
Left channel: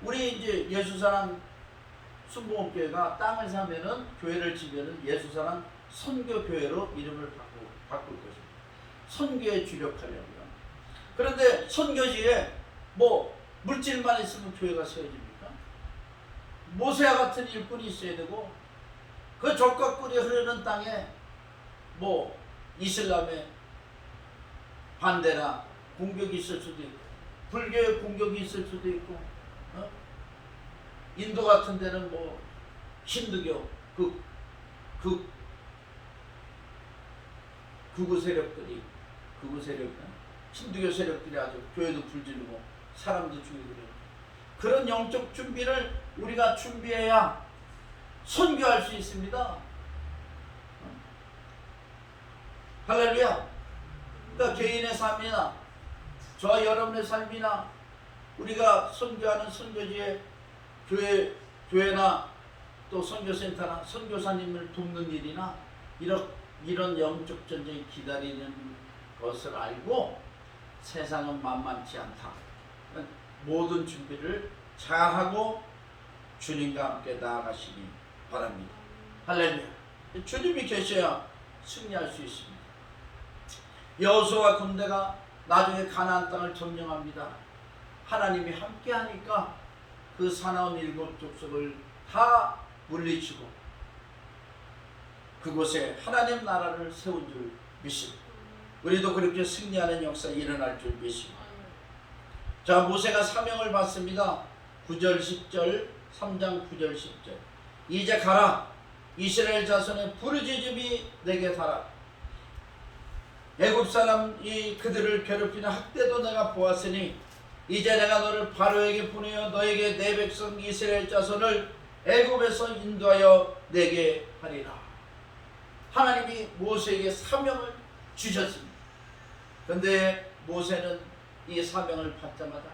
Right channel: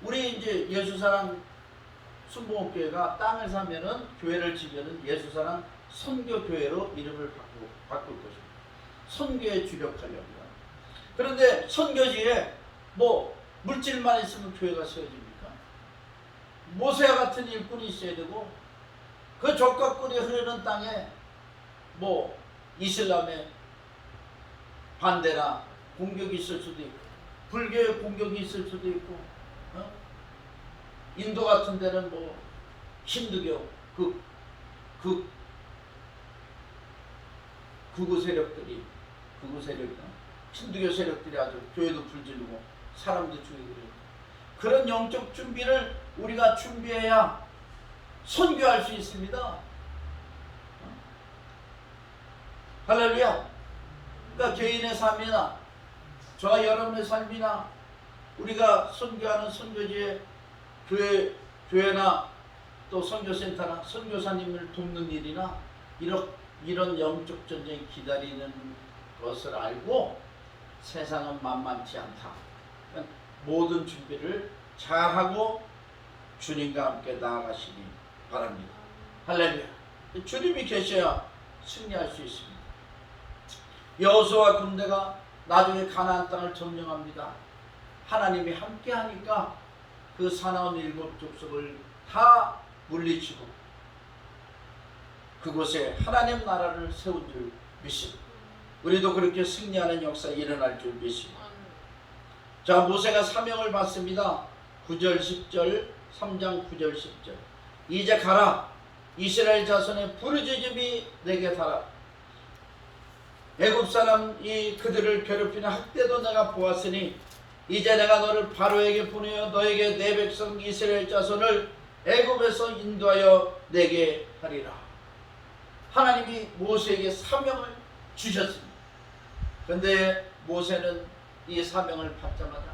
우리 이제 예수사랑 순복음교회가 땅을 사면은 교회를 지면은 예수사랑 선교교회로 이름을 바꿀 것입니다. 선교에 주력하려고요. 그런데 선교지에 뭐 물질만 있으면 교회가 세워집니까? 모세와 같은 일꾼이 있어야 되고 그 젖과 꿀이 흐르는 땅에 뭐 이슬람의 반대나 공격이 있을 수도 있고 불교의 공격이 있을 수도 있고 인도 같은 데는 뭐 힌두교 극우 세력이나 힌두교 세력들이 아주 교회도 불지르고 사람도 죽이고 그런 영적 준비를 우리가 준비해야 선교할 수 있습니다. 할렐루야. 그러니까 개인의 삶이나 저와 여러분의 삶이나 우리가 선교하는 선교지에 교회나 또 선교센터나 선교사님을 돕는 일이나 이런 영적 전쟁이 기다리는 것을 알고 세상은 만만치 않다. 그러니까 모든 준비를 잘하고 주님과 함께 나아가시기 바랍니다. 할렐루야. 주님이 계셔야 승리할 수 있습니다. 여호수아 군대가 나중에 가나안 땅을 점령합니다. 하나님이 함께 하니까 그 사나운 7 족속을 다 물리치고 그곳에 하나님 나라를 세운 줄 믿습니다. 우리도 그렇게 승리하는 역사 일어날 줄 믿습니다. 자, 모세가 사명을 받습니다. 9절 10절 3장 9절 10절 이제 가라. 이스라엘 자손의 부르짖음이 내게 닿아. 애굽 사람이 그들을 괴롭히는 학대도 내가 보았으니 이제 내가 너를 바로에게 보내어 너에게 내 백성 이스라엘 자손을 애굽에서 인도하여 내게 하리라. 하나님이 모세에게 사명을 주셨습니다. 그런데 모세는 이 사명을 받자마자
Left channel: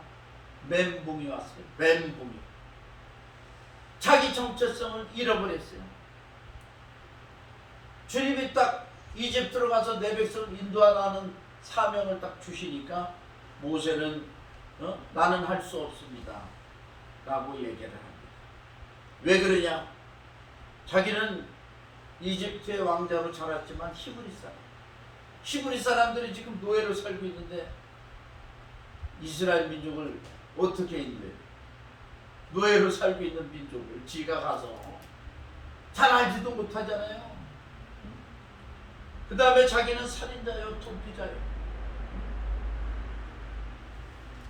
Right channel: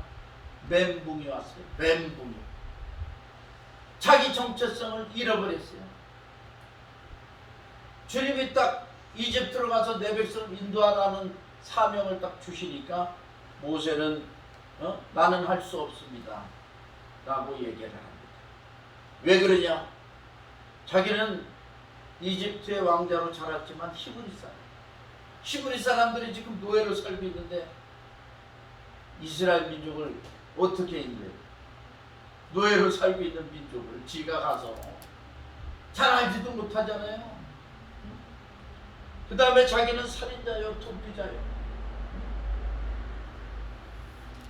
멘붕이 왔어요. 멘붕이. 자기 정체성을 잃어버렸어요. 주님이 딱 이집트로 가서 내 백성 인도하라는 사명을 딱 주시니까 모세는 나는 할 수 없습니다 라고 얘기를 합니다. 왜 그러냐? 자기는 이집트의 왕자로 자랐지만 히브리 사람들이 지금 노예로 살고 있는데 이스라엘 민족을 어떻게 인도해요? 노예로 살고 있는 민족을 지가 가서 잘 알지도 못하잖아요. 그 다음에 자기는 살인자요, 도피자요.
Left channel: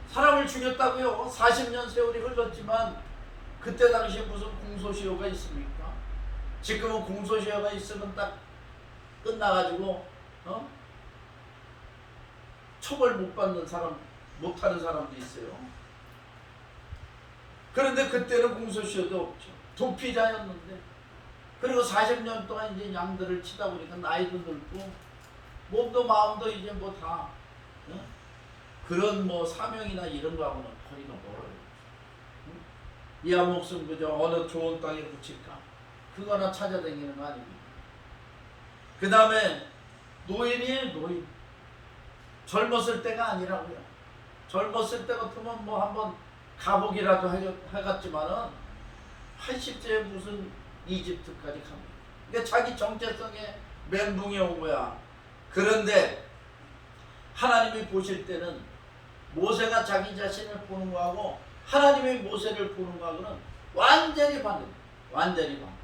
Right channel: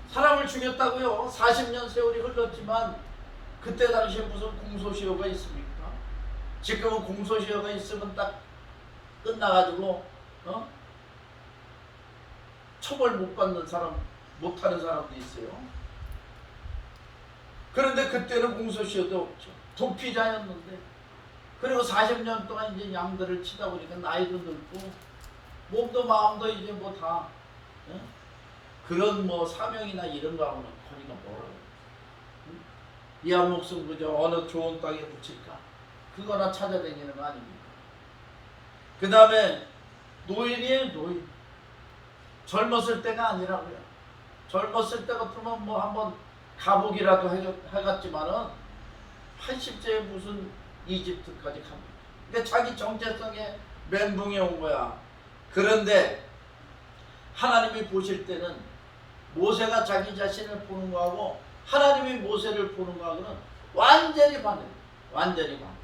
사람을 죽였다고요. 40년 세월이 흘렀지만 그때 당시에 무슨 공소시효가 있습니까? 지금은 공소시효가 있으면 딱 끝나가지고 처벌 못 받는 사람, 못하는 사람도 있어요. 그런데 그때는 공소시효도 없죠. 도피자였는데 그리고 40년 동안 이제 양들을 치다 보니까 나이도 늙고 몸도 마음도 이제 뭐 다 그런 뭐 사명이나 이런 거하고는 거리가 멀어요. 이 한 목숨 그저 어느 좋은 땅에 붙일까 그거나 찾아다니는 거 아닙니까? 그 다음에 노인이에요. 노인. 젊었을 때가 아니라고요. 젊었을 때 같으면 뭐 한번 가보기라도 해갔지만은 80세에 무슨 이집트까지 갑니다. 그러니까 자기 정체성에 멘붕이 온 거야. 그런데 하나님이 보실 때는 모세가 자기 자신을 보는 거하고 하나님이 모세를 보는 거하고는 완전히 반대입니다. 완전히 반대.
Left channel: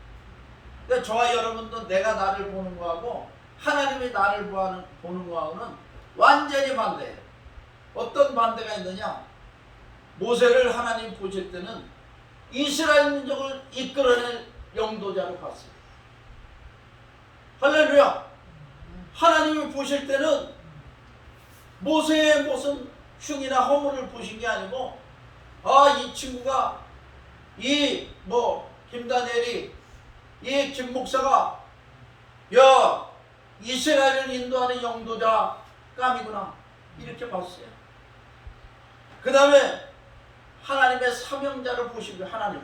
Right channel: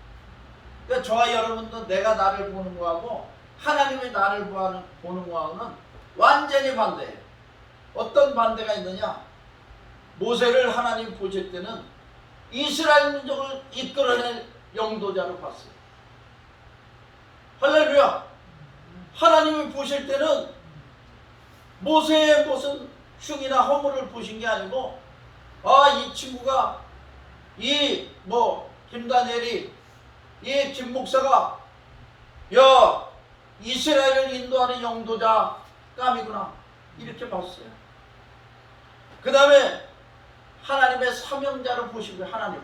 그러니까 저와 여러분도 내가 나를 보는 거하고 하나님이 나를 보는 거하고는 완전히 반대예요. 어떤 반대가 있느냐? 모세를 하나님 보실 때는 이스라엘 민족을 이끌어낼 영도자로 봤어요. 할렐루야! 하나님이 보실 때는 모세의 무슨 흉이나 허물을 보신 게 아니고, 아, 이 친구가, 김다니엘이, 이 김목사가, 야, 이스라엘을 인도하는 영도자 감이구나. 이렇게 봤어요. 그 다음에 하나님의 사명자를 보시고요. 하나님,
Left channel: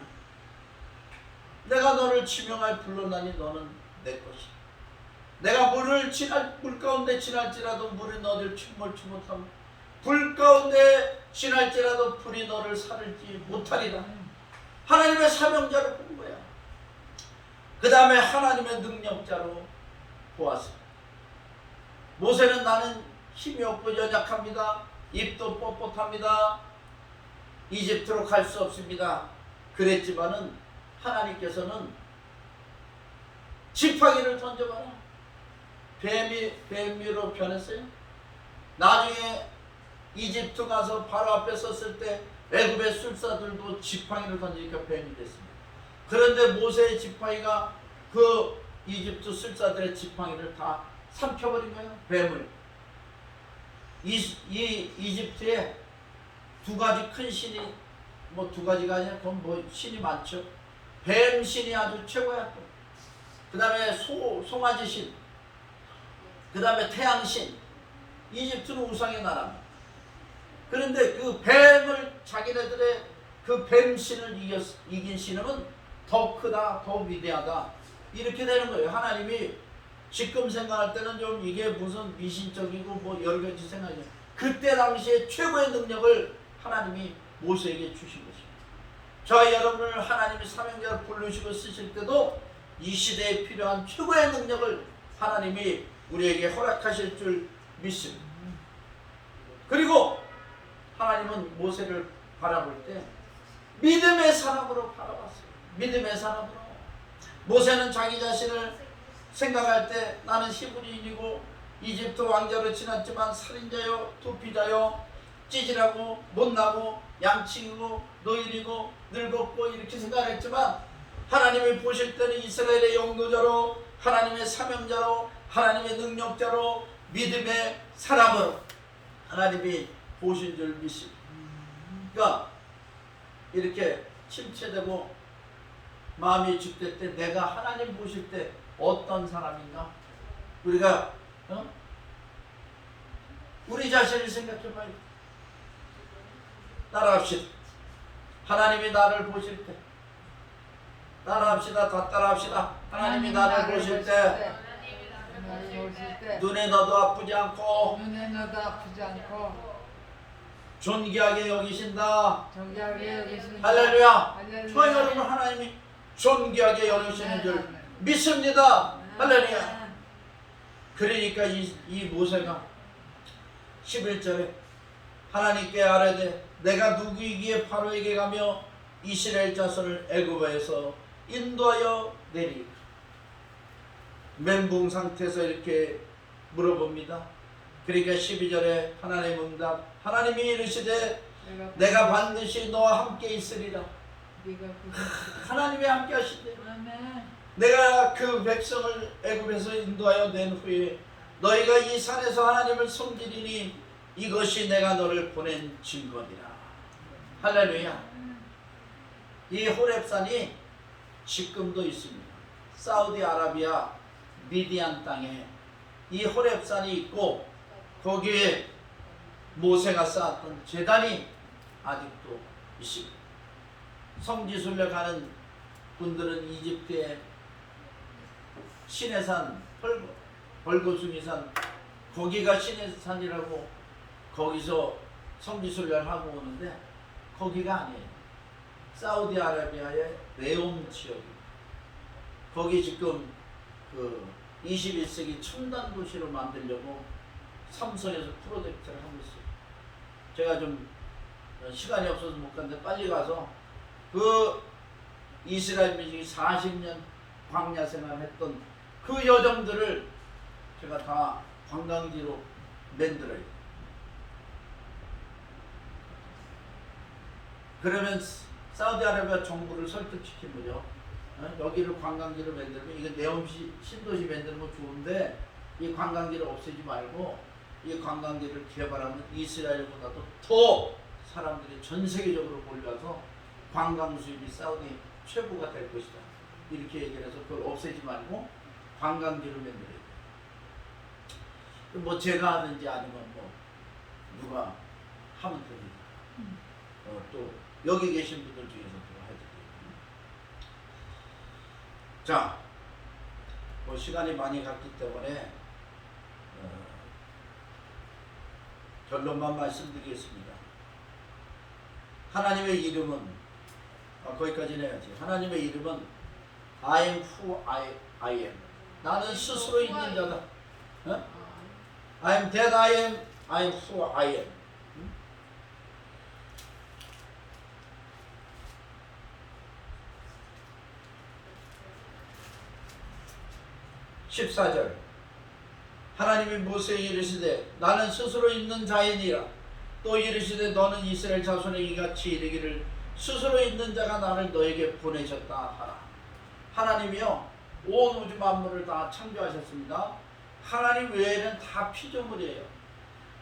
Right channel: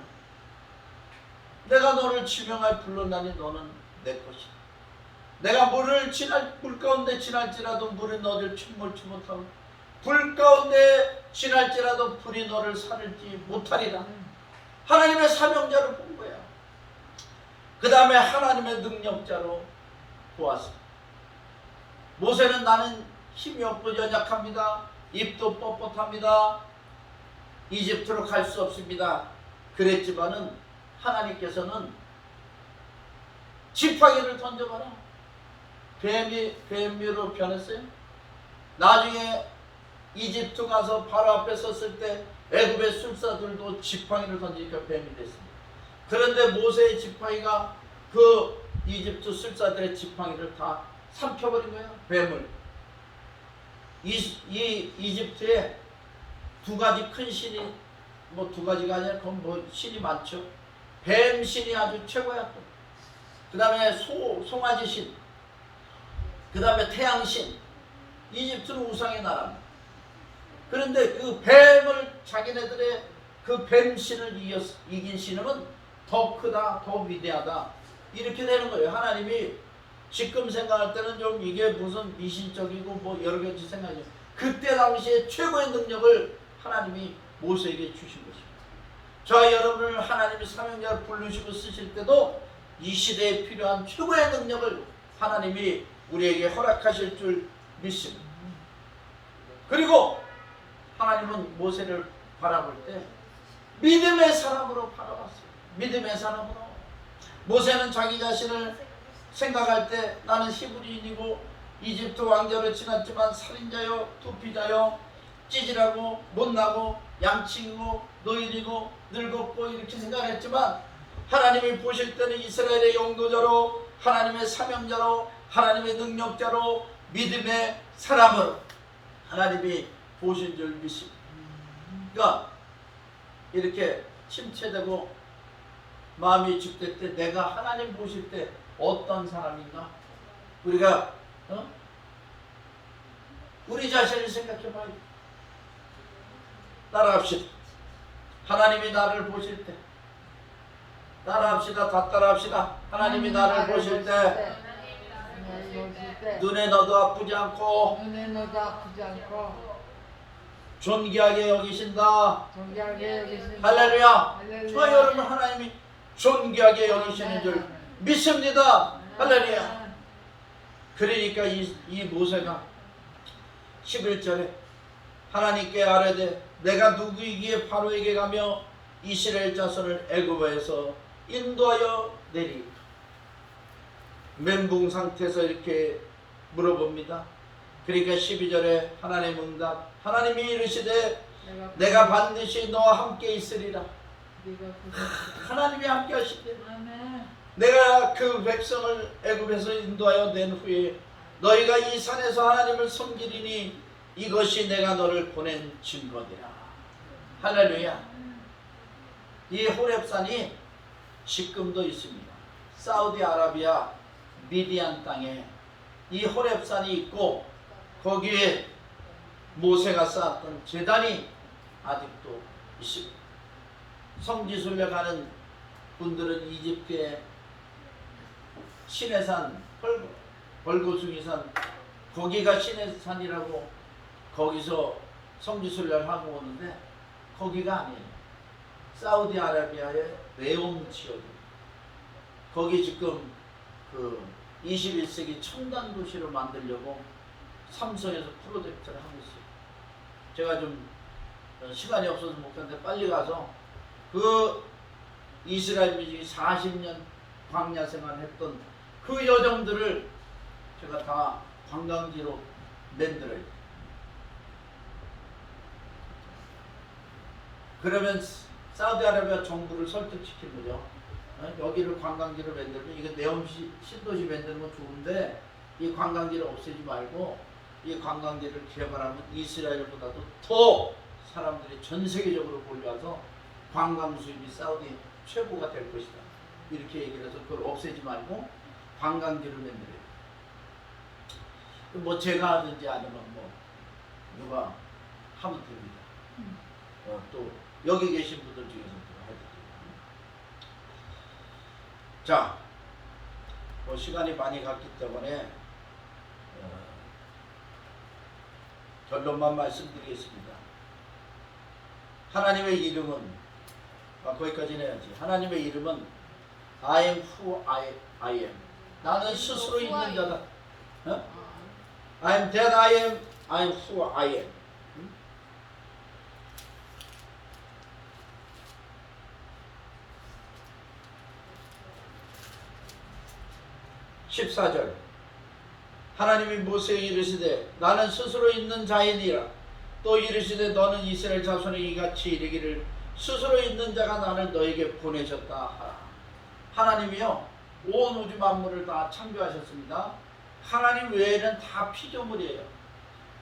내가 너를 지명할 불렀나니 너는 내 것이다. 내가 물 가운데 지날지라도 물이 너를 침몰치 못하고 불 가운데 지날지라도 불이 너를 사르지 못하리라. 하나님의 사명자로 본 거야. 그 다음에 하나님의 능력자로 보았습니다. 모세는 나는 힘이 없고 연약합니다. 입도 뻣뻣합니다. 이집트로 갈 수 없습니다. 그랬지만은 하나님께서는 지팡이를 던져봐라. 뱀으로 변했어요. 나중에 이집트 가서 바로 앞에 섰을 때 애굽의 술사들도 지팡이를 던지니까 뱀이 됐습니다. 그런데 모세의 지팡이가 그 이집트 술사들의 지팡이를 다 삼켜버린 거예요. 뱀을. 이집트에 두 가지 큰 신이, 두 가지가 아니라 그건 신이 많죠. 뱀 신이 아주 최고야. 그 다음에 송아지 신, 그 다음에 태양신. 이집트는 우상의 나라입니다. 그런데 그 뱀을, 자기네들의 그 뱀신을 이긴 신은 더 크다, 더 위대하다, 이렇게 되는 거예요. 하나님이 지금 생각할 때는 좀 이게 무슨 미신적이고 여러 가지 생각이죠. 그때 당시에 최고의 능력을 하나님이 모세에게 주신 것입니다. 저와 여러분을 하나님이 사명자로 부르시고 쓰실 때도 이 시대에 필요한 최고의 능력을 하나님이 우리에게 허락하실 줄 믿습니다. 그리고 하나님은 모세를 바라볼 때 믿음의 사람으로 바라봤어요. 믿음의 사람으로. 모세는 자기 자신을 생각할 때 나는 히브리인이고 이집트 왕자로 지났지만 살인자요, 도피자요, 찌질하고 못나고 양치고 노인이고 늙었고 이렇게 생각했지만 하나님이 보실 때는 이스라엘의 영도자로, 하나님의 사명자로, 하나님의 능력자로, 믿음의 사람으로 하나님이 보신 줄 믿습니다. 그러니까 이렇게 침체되고 마음이 죽될 때 내가 하나님 보실 때 어떤 사람인가? 우리가 우리 자신을 생각해봐요. 따라합시다. 하나님이 나를 보실 때, 따라합시다. 다 따라합시다. 하나님이 나를 보실 때 눈에 너도 아프지 않고 존귀하게 여기신다. 할렐루야. 저 여러분 하나님이 존귀하게 여기시는 줄 믿습니다. 할렐루야. 그러니까 이 모세가 11절에 하나님께 아뢰되 내가 누구이기에 바로에게 가며 이스라엘 자손을 애굽에서 인도하여 내리. 멘붕 상태에서 이렇게 물어봅니다. 그러니까 12절에 하나님 응답, 하나님이 이르시되 내가 반드시 너와 함께 있으리라. 하나님이 함께 하시되 내가 그 백성을 애굽에서 인도하여 낸 후에 너희가 이 산에서 하나님을 섬기리니 이것이 내가 너를 보낸 증거니라. 할렐루야. 이 호렙산이 지금도 있습니다. 사우디아라비아 미디안 땅에 이 호렙산이 있고 거기에 모세가 쌓았던 제단이 아직도 있습니다. 성지순례 가는 분들은 이집트의 시내산, 벌거숭이산, 거기가 시내산이라고, 거기서 성지순례를 하고 오는데 거기가 아니에요. 사우디아라비아의 레움 지역입니다. 거기 지금 그 21세기 첨단 도시로 만들려고 삼성에서 프로젝트를 하고 있어요. 제가 좀 시간이 없어서 못 갔는데 빨리 가서 그 이스라엘 민족이 40년 광야 생활했던 그 여정들을 제가 다 관광지로 만들어야 돼요. 그러면 사우디아라비아 정부를 설득시킨 거죠. 여기를 관광지로 만들면 이거 네옴시 신도시 만드는 건 좋은데 이 관광지를 없애지 말고 이 관광지를 개발하면 이스라엘보다도 더 사람들이 전 세계적으로 몰려와서 관광 수입이 사우디 최고가 될 것이다. 이렇게 얘기를 해서 그걸 없애지 말고 관광지를 만들어요. 뭐 제가 하든지 아니면 뭐 누가 하면 됩니다. 또 여기 계신 분들 중에서 해도 돼요. 자, 뭐 시간이 많이 갔기 때문에 결론만 말씀드리겠습니다. 하나님의 이름은 거기까지 해야지. 하나님의 이름은 I am who I am. 나는 스스로 있는 자다. I am that I am who I am. 14절 하나님이 모세에게 이르시되 나는 스스로 있는 자이니라. 또 이르시되 너는 이스라엘 자손에게 이같이 이르기를 스스로 있는 자가 나를 너에게 보내셨다 하라. 하나님이요 온 우주 만물을 다 창조하셨습니다. 하나님 외에는 다 피조물이에요.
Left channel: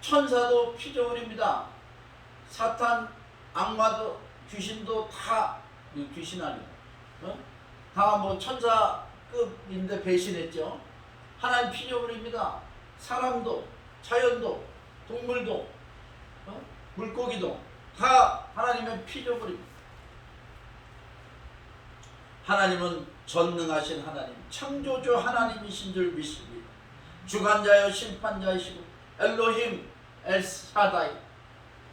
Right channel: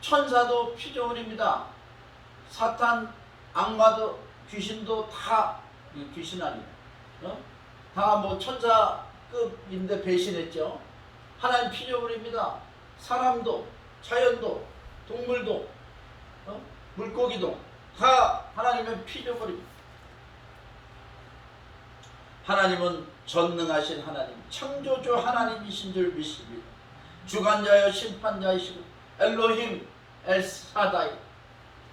천사도 피조물입니다. 사탄, 악마도 귀신도 다 귀신 아니에요. 다 뭐 천사급인데 배신했죠. 하나님 피조물입니다. 사람도 자연도 동물도 물고기도 다 하나님의 피조물입니다. 하나님은 전능하신 하나님, 창조주 하나님이신 줄 믿습니다. 주관자여 심판자이시고 엘로힘, 엘사다이,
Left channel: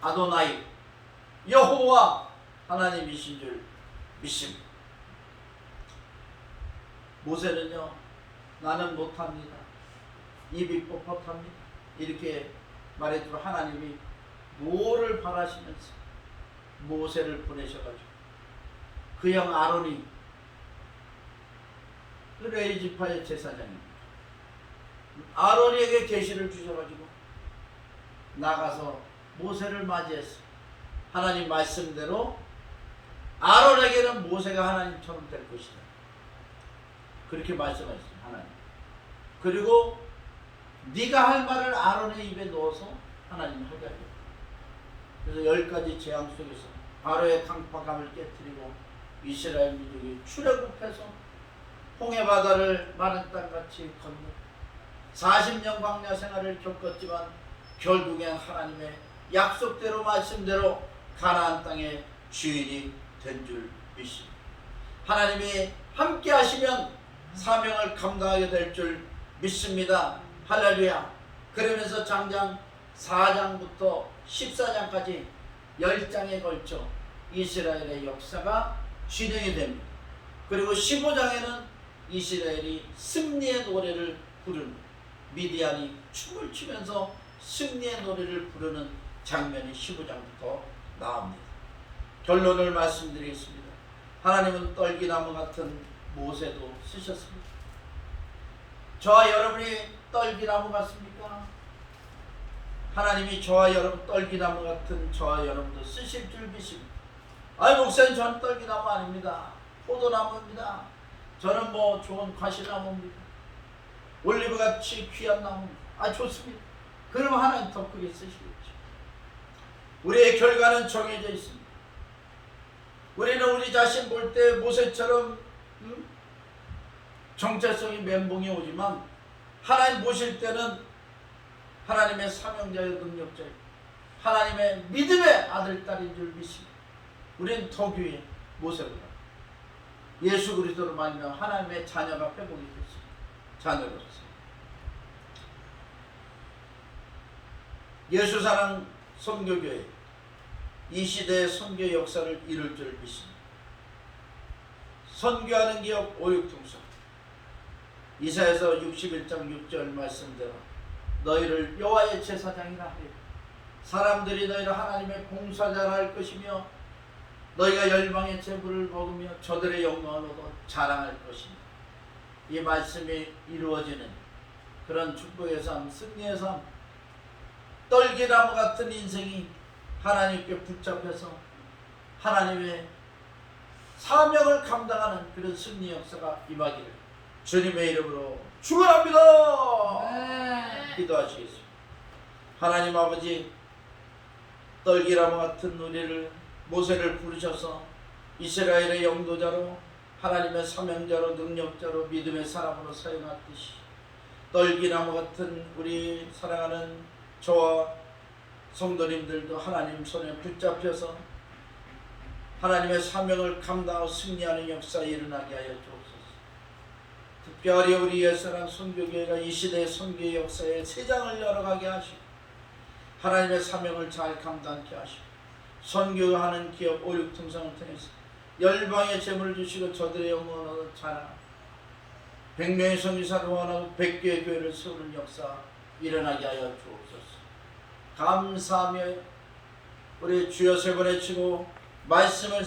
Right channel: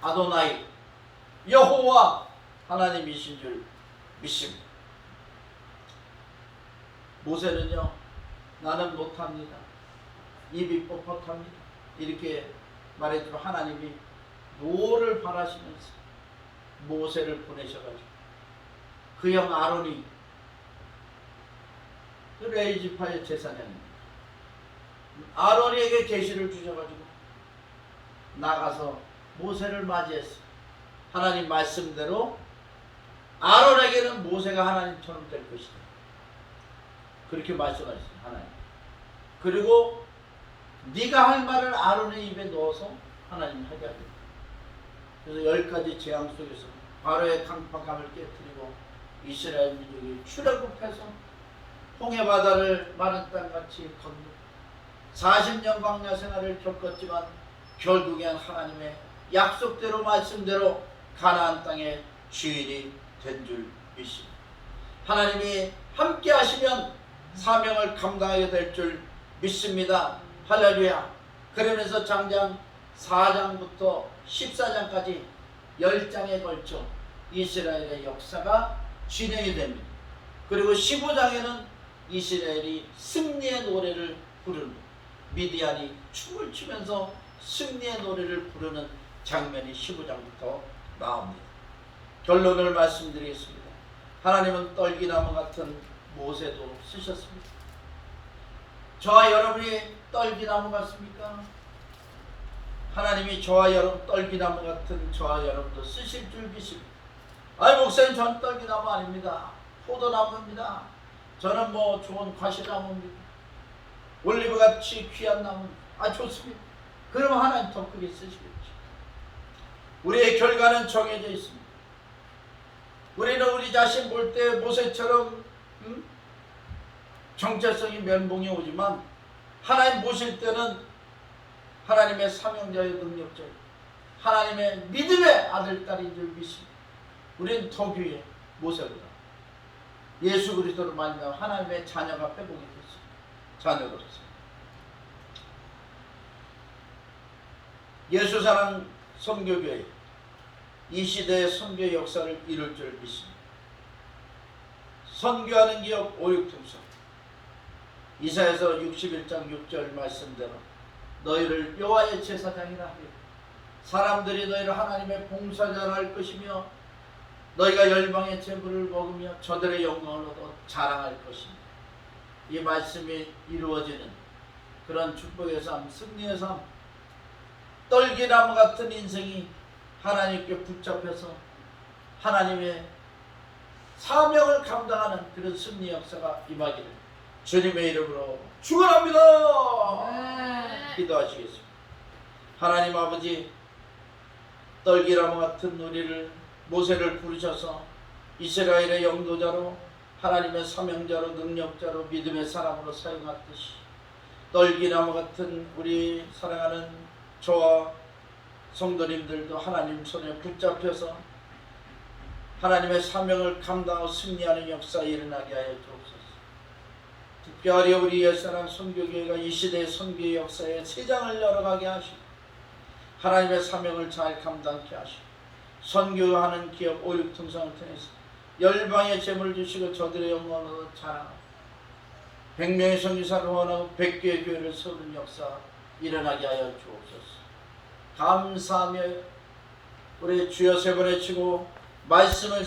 아도나이, 여호와 하나님이신 줄 믿습니다. 모세는요 나는 못합니다. 입이 뻣뻣합니다. 이렇게 말했지만 하나님이 노를 바라시면서 모세를 보내셔가지고 그 형 아론이 그 레이지파의 제사장입니다. 아론에게 계시를 주셔가지고 나가서 모세를 맞이했어요. 하나님 말씀대로 아론에게는 모세가 하나님처럼 될 것이다. 그렇게 말씀하셨어요. 하나님. 그리고 네가 할 말을 아론의 입에 넣어서 하나님이 하게 하겠다. 그래서 10가지 재앙 속에서 바로의 강팍함을 깨뜨리고 이스라엘 민족이 출애굽해서 홍해바다를 마른 땅같이 건너 40년 광야 생활을 겪었지만 결국엔 하나님의 약속대로 말씀대로 가나안 땅의 주인이 된 줄 믿습니다. 하나님이 함께 하시면 사명을 감당하게 될 줄 믿습니다. 할렐루야. 그러면서 장장 4장부터 14장까지 10장에 걸쳐 이스라엘의 역사가 진행이 됩니다. 그리고 15장에는 이스라엘이 승리의 노래를 부르는, 미디안이 춤을 추면서 승리의 노래를 부르는 장면이 15장부터 나옵니다. 결론을 말씀드리겠습니다. 하나님은 떨기나무 같은 모세도 쓰셨습니다. 저와 여러분이 떨기나무 같습니까? 하나님이 저와 여러분 떨기나무 같은 저와 여러분도 쓰실 줄 믿습니다. 아이 목사님 전 떨기나무 아닙니다. 포도나무입니다. 저는 뭐 좋은 과실나무입니다. 올리브같이 귀한 나무입니다. 아 좋습니다. 그럼 하나님 더 크게 쓰시겠죠. 우리의 결과는 정해져 있습니다. 우리는 우리 자신 볼 때 모세처럼 정체성이 멘붕이 오지만 하나님 보실 때는 하나님의 사명자의 능력자요 하나님의 믿음의 아들 딸인 줄 믿습니다. 우리는 더 귀해 모세보다. 예수 그리스도로 말미암아 하나님의 자녀가 회복이 됐습니다. 자녀로서 예수사랑 선교교회 이 시대의 선교 역사를 이룰 줄 믿습니다. 선교하는 기업 오육통성. 이사야서 61장 6절 말씀대로 너희를 여호와의 제사장이라 하여 사람들이 너희를 하나님의 봉사자라 할 것이며 너희가 열방의 제물을 먹으며 저들의 영광을 얻어 자랑할 것이며 이 말씀이 이루어지는 그런 축복의 삶, 승리의 삶, 떨기나무 같은 인생이 하나님께 붙잡혀서 하나님의 사명을 감당하는 그런 승리 역사가 임하기를 주님의 이름으로 축원합니다. 기도하시겠습니다. 하나님 아버지, 떨기나무 같은 우리를 모세를 부르셔서 이스라엘의 영도자로 하나님의 사명자로 능력자로 믿음의 사람으로 사용하듯이 떨기나무 같은 우리 사랑하는 저와 성도님들도 하나님 손에 붙잡혀서 하나님의 사명을 감당하고 승리하는 역사에 일어나게 하여 주옵소서. 특별히 우리 옛사랑 선교교회가 이 시대의 선교의 역사에 세장을 열어가게 하시고 하나님의 사명을 잘 감당케 하시고 선교하는 기업 오육통상을 통해서 열방의 재물을 주시고 저들의 영광으로 자랑하고 100명의 선교사를 원하고 100개의 교회를 세우는 역사 일어나게 하여 주옵소서. 감사하며 우리 주여 세 번 외치고 말씀을